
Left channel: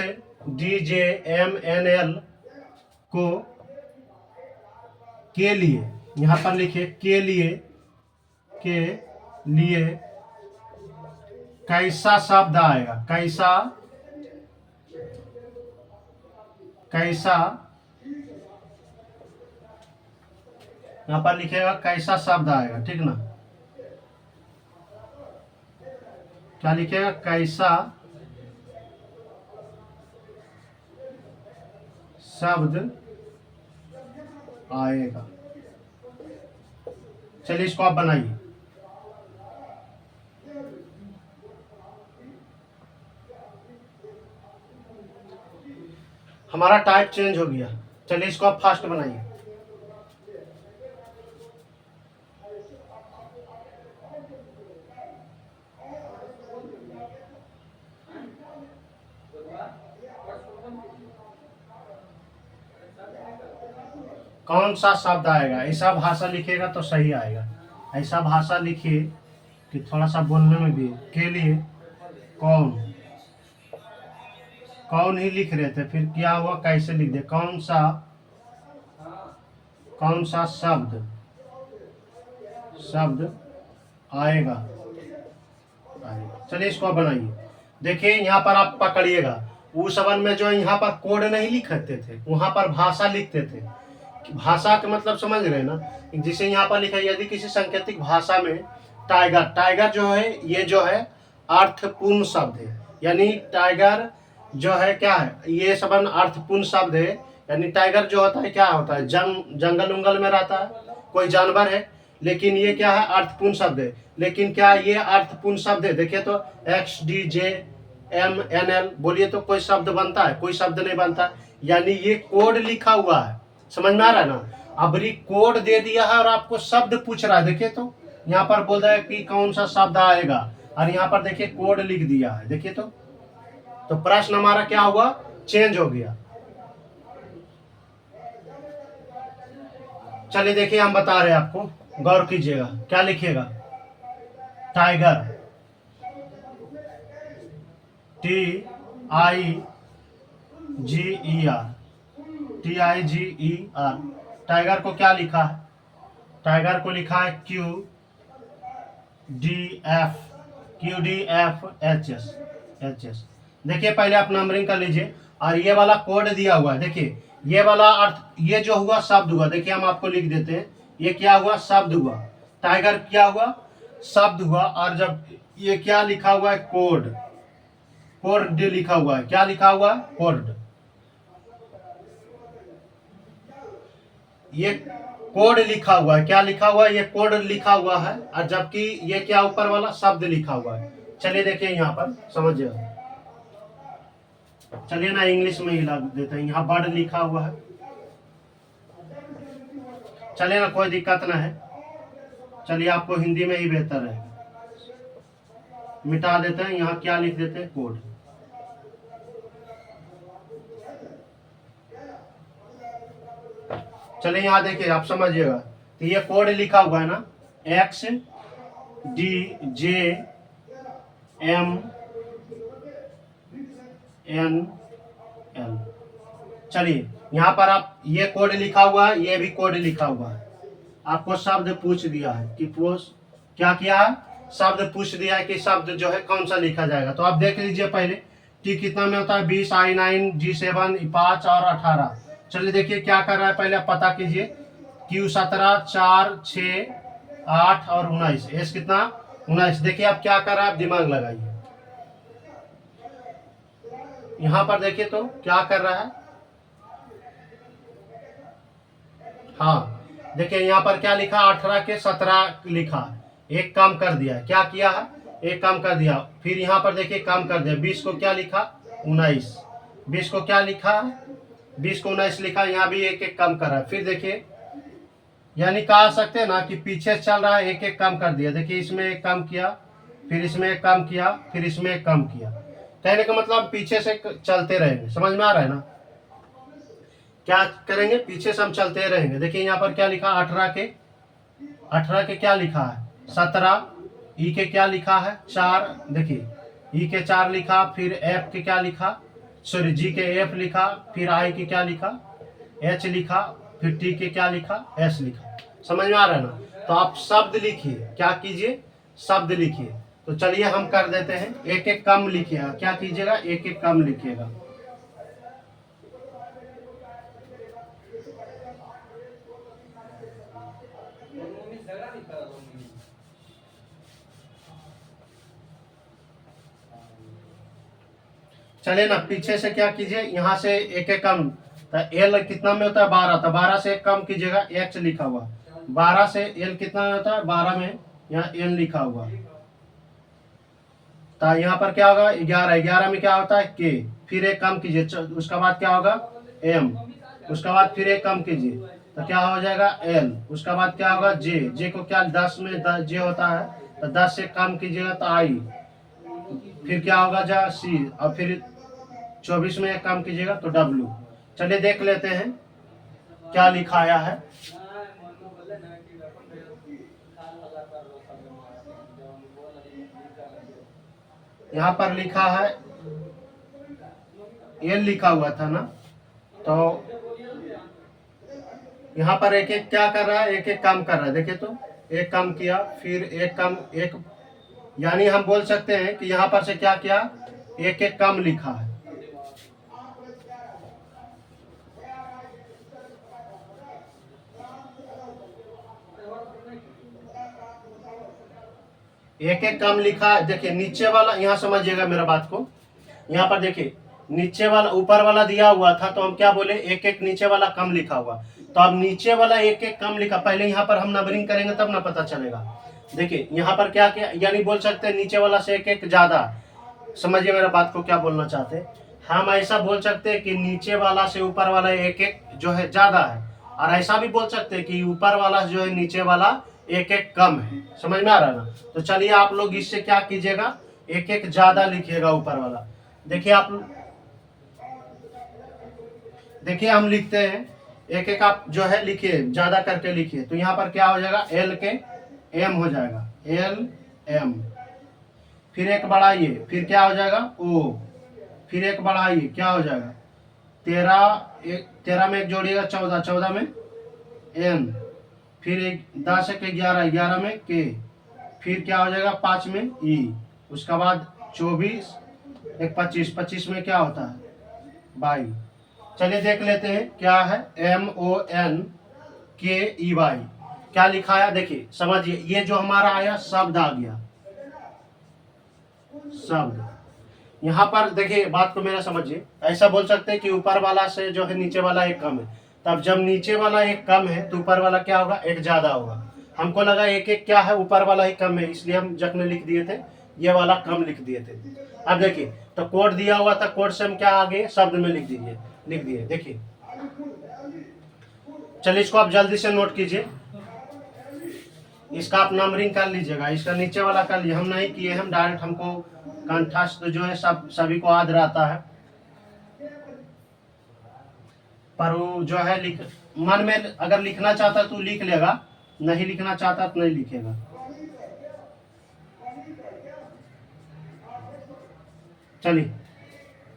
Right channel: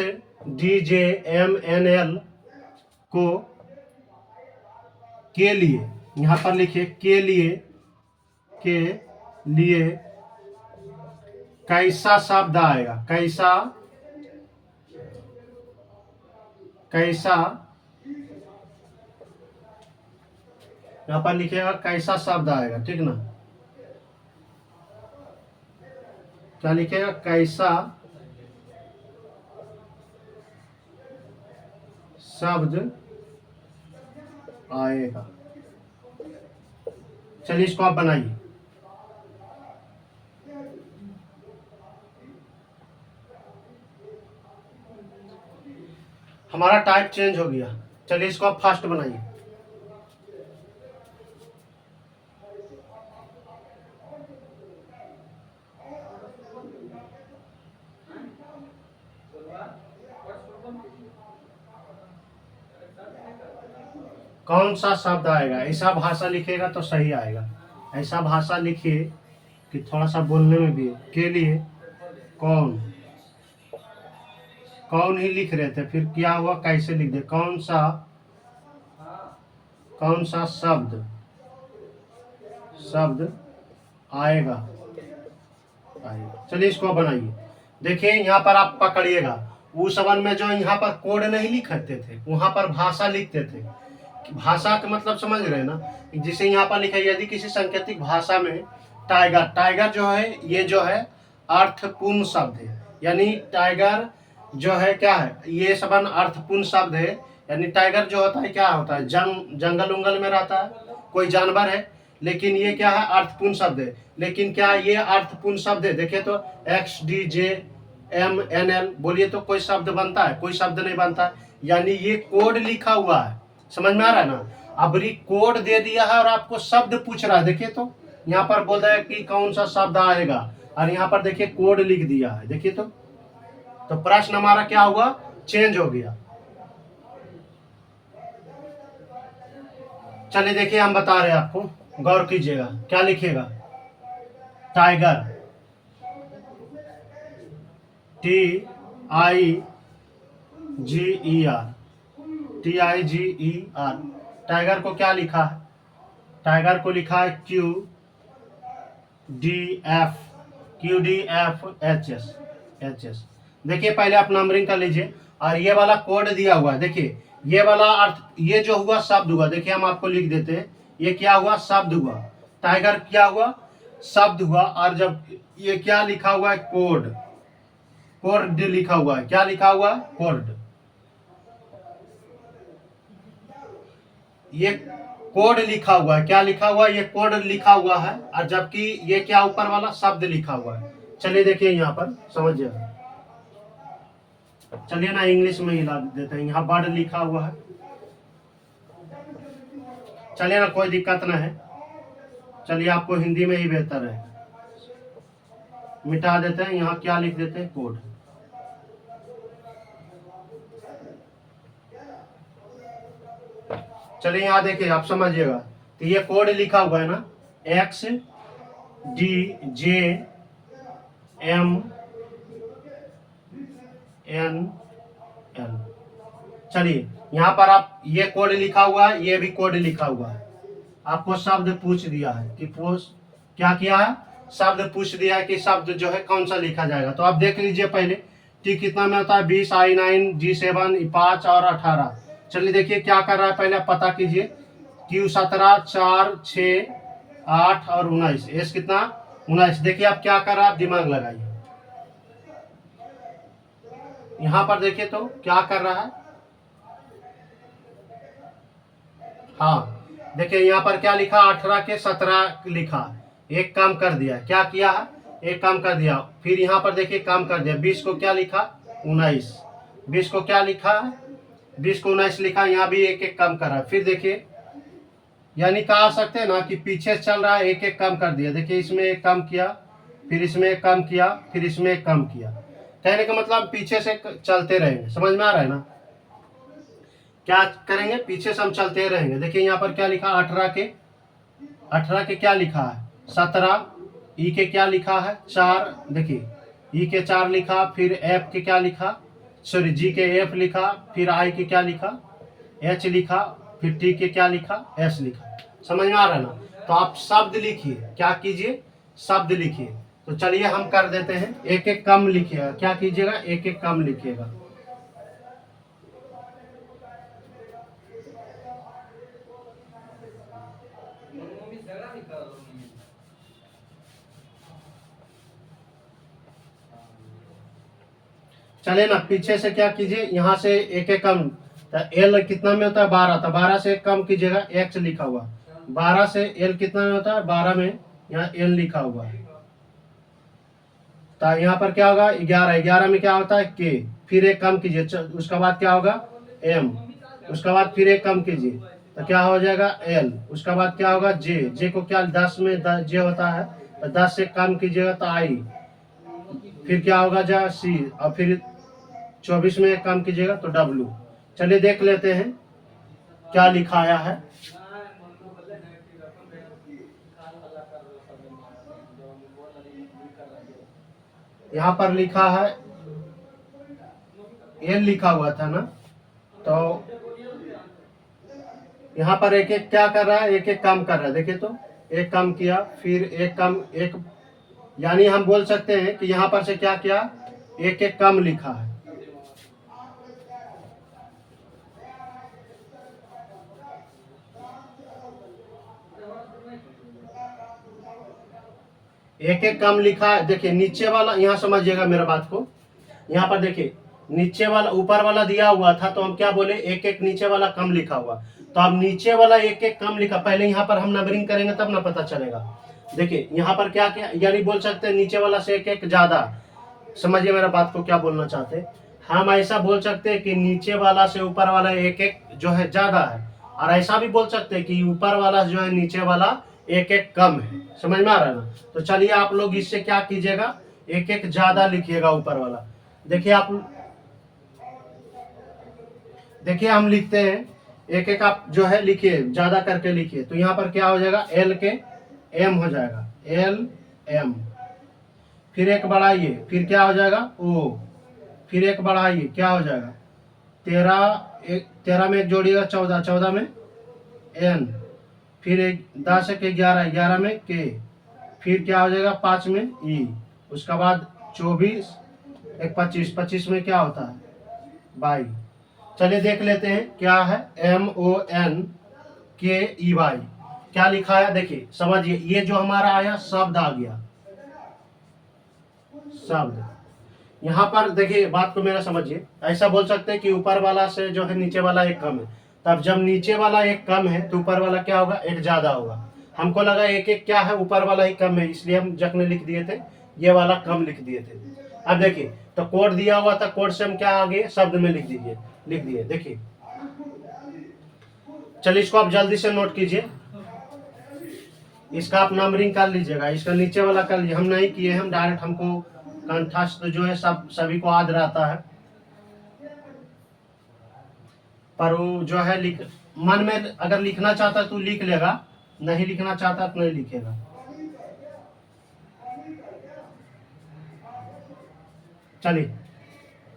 D J M N L को के लिए, यहाँ पर लिखिए के लिए कैसा शब्द आएगा, कैसा यहाँ पर लिखेगा कैसा शब्द आएगा, ठीक ना, क्या लिखेगा, कैसा शब्द आएगा। चलिए इसको आप बनाइए। हमारा टाइप चेंज हो गया, चलिए इसको आप फास्ट बनाइए। कौन सा शब्द आएगा, ऐसा भाषा लिखेगा तो सही आएगा। ऐसा भाषा लिखिए कि थोड़ा सा बोलने में भी, के लिए कौन ही लिख रहे थे, फिर क्या हुआ, कैसे लिख दे, कौन सा शब्द आएगा। चलिए इसको बनाइए। देखिए यहाँ पर आप पकड़िएगा, उस समय में जो यहाँ पर कोड नहीं लिखते थे, वहां पर भाषा लिखते थे। भाषा का मतलब समझ रहे हैं ना, जिसे यहाँ पर लिखा है, यदि किसी सांकेतिक भाषा में टाइगर जो है, ये जो है अर्थपूर्ण शब्द है, यानी टाइगर जो है क्या है, ये सबन अर्थपूर्ण शब्द है। यानी टाइगर जो होता है क्या होता है, जंगल उंगल में रहता है, कोई जानवर है, लेकिन ये क्या है, अर्थपूर्ण शब्द है। लेकिन क्या ये अर्थपूर्ण शब्द है, देखिए तो X D J M N L बोलिए तो कोई शब्द बनता है, कोई शब्द नहीं बनता। यानी ये कोड लिखा हुआ है, समझ में आ रहा है ना। अब कोड दे दिया है और आपको शब्द पूछ रहा है, देखिए तो यहाँ पर बोल रहा है कि कौन सा शब्द आएगा, और यहाँ पर देखिए कोड लिख दिया है, देखिए तो प्रश्न हमारा क्या हुआ, चेंज हो गया। चलिए देखिए हम बता रहे हैं आपको, गौर कीजिएगा, क्या लिखिएगा, टाइगर TIGER टाइगर को क्या लिखा है, टाइगर को लिखा है QDF HS। HS। देखिए पहले आप नंबरिंग कर लीजिए और ये वाला कोड दिया हुआ है। देखिए ये वाला अर्थ, ये जो हुआ शब्द हुआ, देखिए हम आपको लिख देते हैं, ये क्या हुआ, शब्द हुआ। टाइगर क्या हुआ, शब्द हुआ। और जब ये क्या लिखा हुआ है, कोड, कोड लिखा हुआ है। क्या लिखा हुआ है, कोड। ये कोड लिखा हुआ है। क्या लिखा हुआ है, ये कोड लिखा हुआ है। और जबकि ये क्या ऊपर वाला शब्द लिखा हुआ है। चलिए देखिए यहाँ पर समझिए, चलिए ना इंग्लिश में ही लग देते हैं। यहाँ वर्ड लिखा हुआ है, चलिए ना, कोई दिक्कत ना है। चलिए आपको हिंदी में ही बेहतर है, मिटा देते हैं। यहाँ क्या लिख देते हैं, कोड। चलिए यहाँ देखिए, आप समझिएगा। तो ये कोड लिखा हुआ है ना, XDJMNL। चलिए यहाँ पर आप, ये कोड लिखा हुआ है, ये भी कोड लिखा हुआ है। आपको शब्द पूछ दिया है कि क्या किया है, शब्द पूछ दिया है कि शब्द जो है कौन सा लिखा जाएगा। तो आप देख लीजिए पहले कि कितना में होता है, 20, I9, G7, 5 और 18। चलिए देखिए क्या कर रहा है, पहले आप पता कीजिए। Q17, 4, 6, 8 और 19। S कितना, 19। देखिए आप क्या कर रहा है, आप दिमाग लगाइए। यहाँ पर देखिए तो क्या कर रहा है, हाँ देखिए यहाँ पर क्या लिखा, 18 के 17 लिखा। एक काम कर दिया, क्या किया है, एक काम कर दिया। फिर यहाँ पर देखिए काम कर दिया, 20 को क्या लिखा, 19। 20 को क्या लिखा है, 20 को 19 लिखा। यहाँ भी एक एक काम कर रहा है। फिर देखिए, यानी कह सकते हैं ना कि पीछे चल रहा है, एक एक काम कर दिया। देखिए इसमें एक काम किया, फिर इसमें एक काम किया, फिर इसमें एक काम किया। कहने का मतलब पीछे से चलते रहेंगे। समझ में आ रहा है ना, क्या करेंगे, पीछे से हम चलते रहेंगे। देखिए यहाँ पर क्या लिखा, 18 के क्या लिखा है, 17। ई के क्या लिखा है, 4। देखिए ई के 4 लिखा। फिर एफ के क्या लिखा, सॉरी जी के एफ लिखा। फिर आई के क्या लिखा, एच लिखा। फिर टी के क्या लिखा, एस लिखा। समझ में आ रहा है ना। तो आप शब्द लिखिए, क्या कीजिए, शब्द लिखिए। तो चलिए हम कर देते हैं, एक एक कम लिखिएगा। क्या कीजिएगा, एक एक कम लिखिएगा। मम्मी झगड़ा नहीं कर रहा हूँ मम्मी। चलिए ना, पीछे से क्या कीजिए, यहाँ से एक एक कम। तो एल कितना में होता है, 12। तो 12 से एक कम कीजिएगा, एक्स लिखा हुआ। 12 से एल कितना में होता है, 12 में यहाँ एन लिखा हुआ है। तो यहाँ पर क्या होगा, 11। 11 में क्या होता है, के। फिर एक कम कीजिए, उसका बाद क्या होगा, एम। उसका बाद फिर एक कम कीजिए, तो क्या हो जाएगा, एल। उसका बाद क्या होगा, जे। जे को क्या 10 में जे होता है, तो 10 से कम कीजिएगा तो आई। फिर क्या होगा, जा सी। और फिर 24 में एक काम कीजिएगा तो W। चलिए देख लेते हैं क्या लिखाया है। यहाँ पर लिखा है, एल लिखा हुआ था ना, तो यहाँ पर एक एक क्या कर रहा है, एक एक काम कर रहा है। देखिए तो एक काम किया, फिर एक काम, एक, यानी हम बोल सकते हैं कि यहाँ पर से क्या किया, एक एक कम लिखा है। एक एक कम लिखा है। देखिए नीचे वाला, यहाँ समझिएगा मेरा बात को। यहाँ पर देखिए नीचे वाला, ऊपर वाला दिया हुआ था, तो हम क्या बोले, एक एक नीचे वाला कम लिखा हुआ। तो अब नीचे वाला एक एक कम लिखा, पहले यहाँ पर हम नंबरिंग करेंगे तब ना पता चलेगा। देखिए यहाँ पर क्या क्या, यानी बोल सकते हैं नीचे वाला से एक एक ज्यादा। समझिए मेरा बात को क्या बोलना चाहते हैं। हम ऐसा बोल सकते हैं कि नीचे वाला से ऊपर वाला एक एक जो है ज्यादा है। और ऐसा भी बोल सकते हैं कि ऊपर वाला जो है नीचे वाला एक एक कम है। समझ में आ रहा है ना। तो चलिए आप लोग इससे क्या कीजिएगा, एक एक ज्यादा लिखिएगा ऊपर वाला। देखिए आप, देखिए हम लिखते हैं, एक एक आप जो है लिखिए, ज्यादा करके लिखिए। तो यहाँ पर क्या हो जाएगा, एल के एम हो जाएगा, एल एम। फिर एक बढ़ाइए, फिर क्या हो जाएगा, ओ। फिर एक बढ़ाइए, क्या हो जाएगा, 13। 13 में एक जोड़िएगा, 14। 14 में एन। फिर एक 10 के 11। 11 में के। फिर क्या हो जाएगा, 5 में ई। उसका बाद 24। एक 25, 25 में क्या होता है 22। चलिए देख लेते हैं क्या है MONKEY। क्या लिखा है देखिए, समझिए, ये जो हमारा आया शब्द आ गया, शब्द। यहाँ पर देखिए बात को मेरा समझिए, ऐसा बोल सकते हैं कि ऊपर वाला से जो है नीचे वाला एक कम है। तब जब नीचे वाला एक कम है तो ऊपर वाला क्या होगा, एक ज्यादा होगा। हमको लगा एक एक क्या है, ऊपर वाला ही कम है, इसलिए हम जग में लिख दिए थे, ये वाला कम लिख दिए थे। अब देखिए, तो कोड दिया हुआ था, कोड से हम क्या आगे शब्द में लिख दीजिए, लिख दिए। देखिए, चलिए इसको आप जल्दी से नोट कीजिए, इसका आप नंबरिंग कर लीजिएगा, इसका नीचे वाला कर लीजिए। हम नहीं किए, हम डायरेक्ट, हमको कंठस्थ जो है सब सभी को याद रहता है, पर वो जो है लिख, मन में अगर लिखना चाहता तो लिख लेगा, नहीं लिखना चाहता तो नहीं लिखेगा। चलिए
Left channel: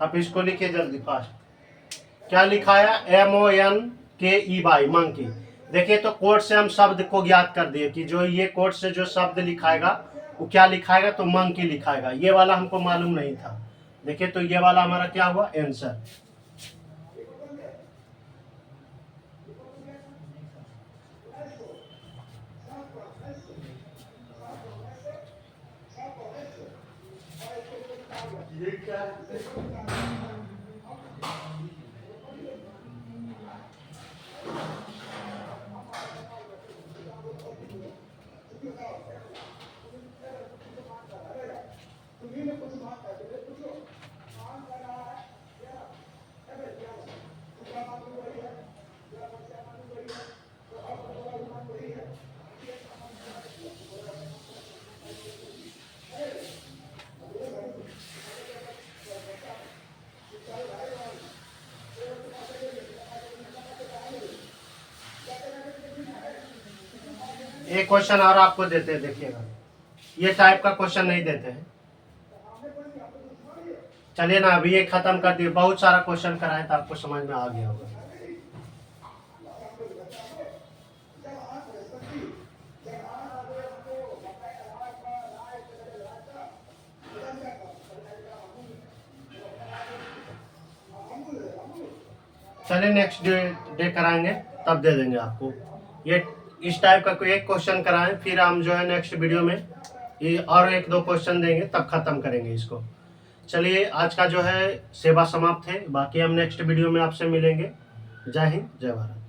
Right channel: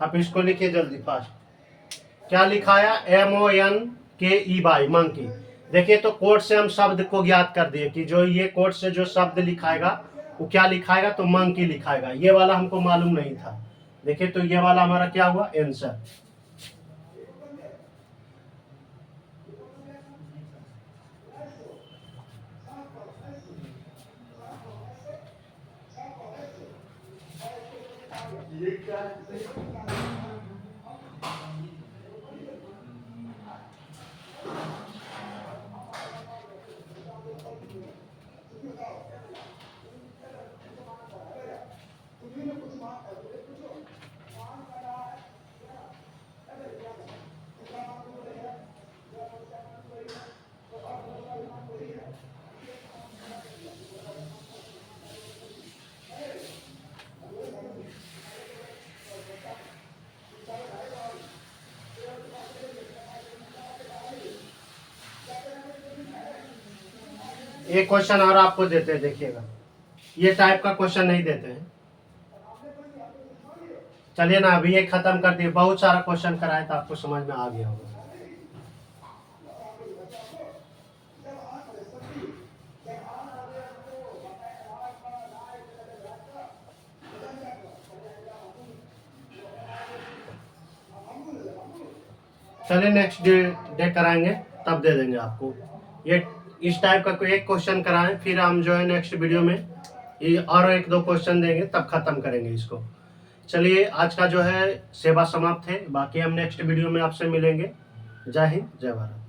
आप इसको लिखिए जल्दी फास्ट। क्या लिखा है MONKEY, मंकी। देखिए, तो कोड से हम शब्द को ज्ञात कर दिए कि जो ये कोड से जो शब्द लिखाएगा वो क्या लिखाएगा, तो मंकी लिखाएगा। ये वाला हमको मालूम नहीं था। देखिए, तो ये वाला हमारा क्या हुआ, आंसर। एक क्वेश्चन और आपको देते हैं, देखिएगा, ये टाइप का क्वेश्चन नहीं देते हैं। चलिए ना, अभी ये खत्म कर दिए, बहुत सारा क्वेश्चन कराए तो आपको समझ में आ गया होगा। चलिए नेक्स्ट डे कराएंगे, तब दे देंगे आपको। ये इस टाइप का कोई एक क्वेश्चन कराएं, फिर हम जो है नेक्स्ट वीडियो में ये और एक दो क्वेश्चन देंगे, तब खत्म करेंगे इसको। चलिए, आज का जो है सेवा समाप्त है, बाकी हम नेक्स्ट वीडियो में आपसे मिलेंगे। जय हिंद, जय भारत।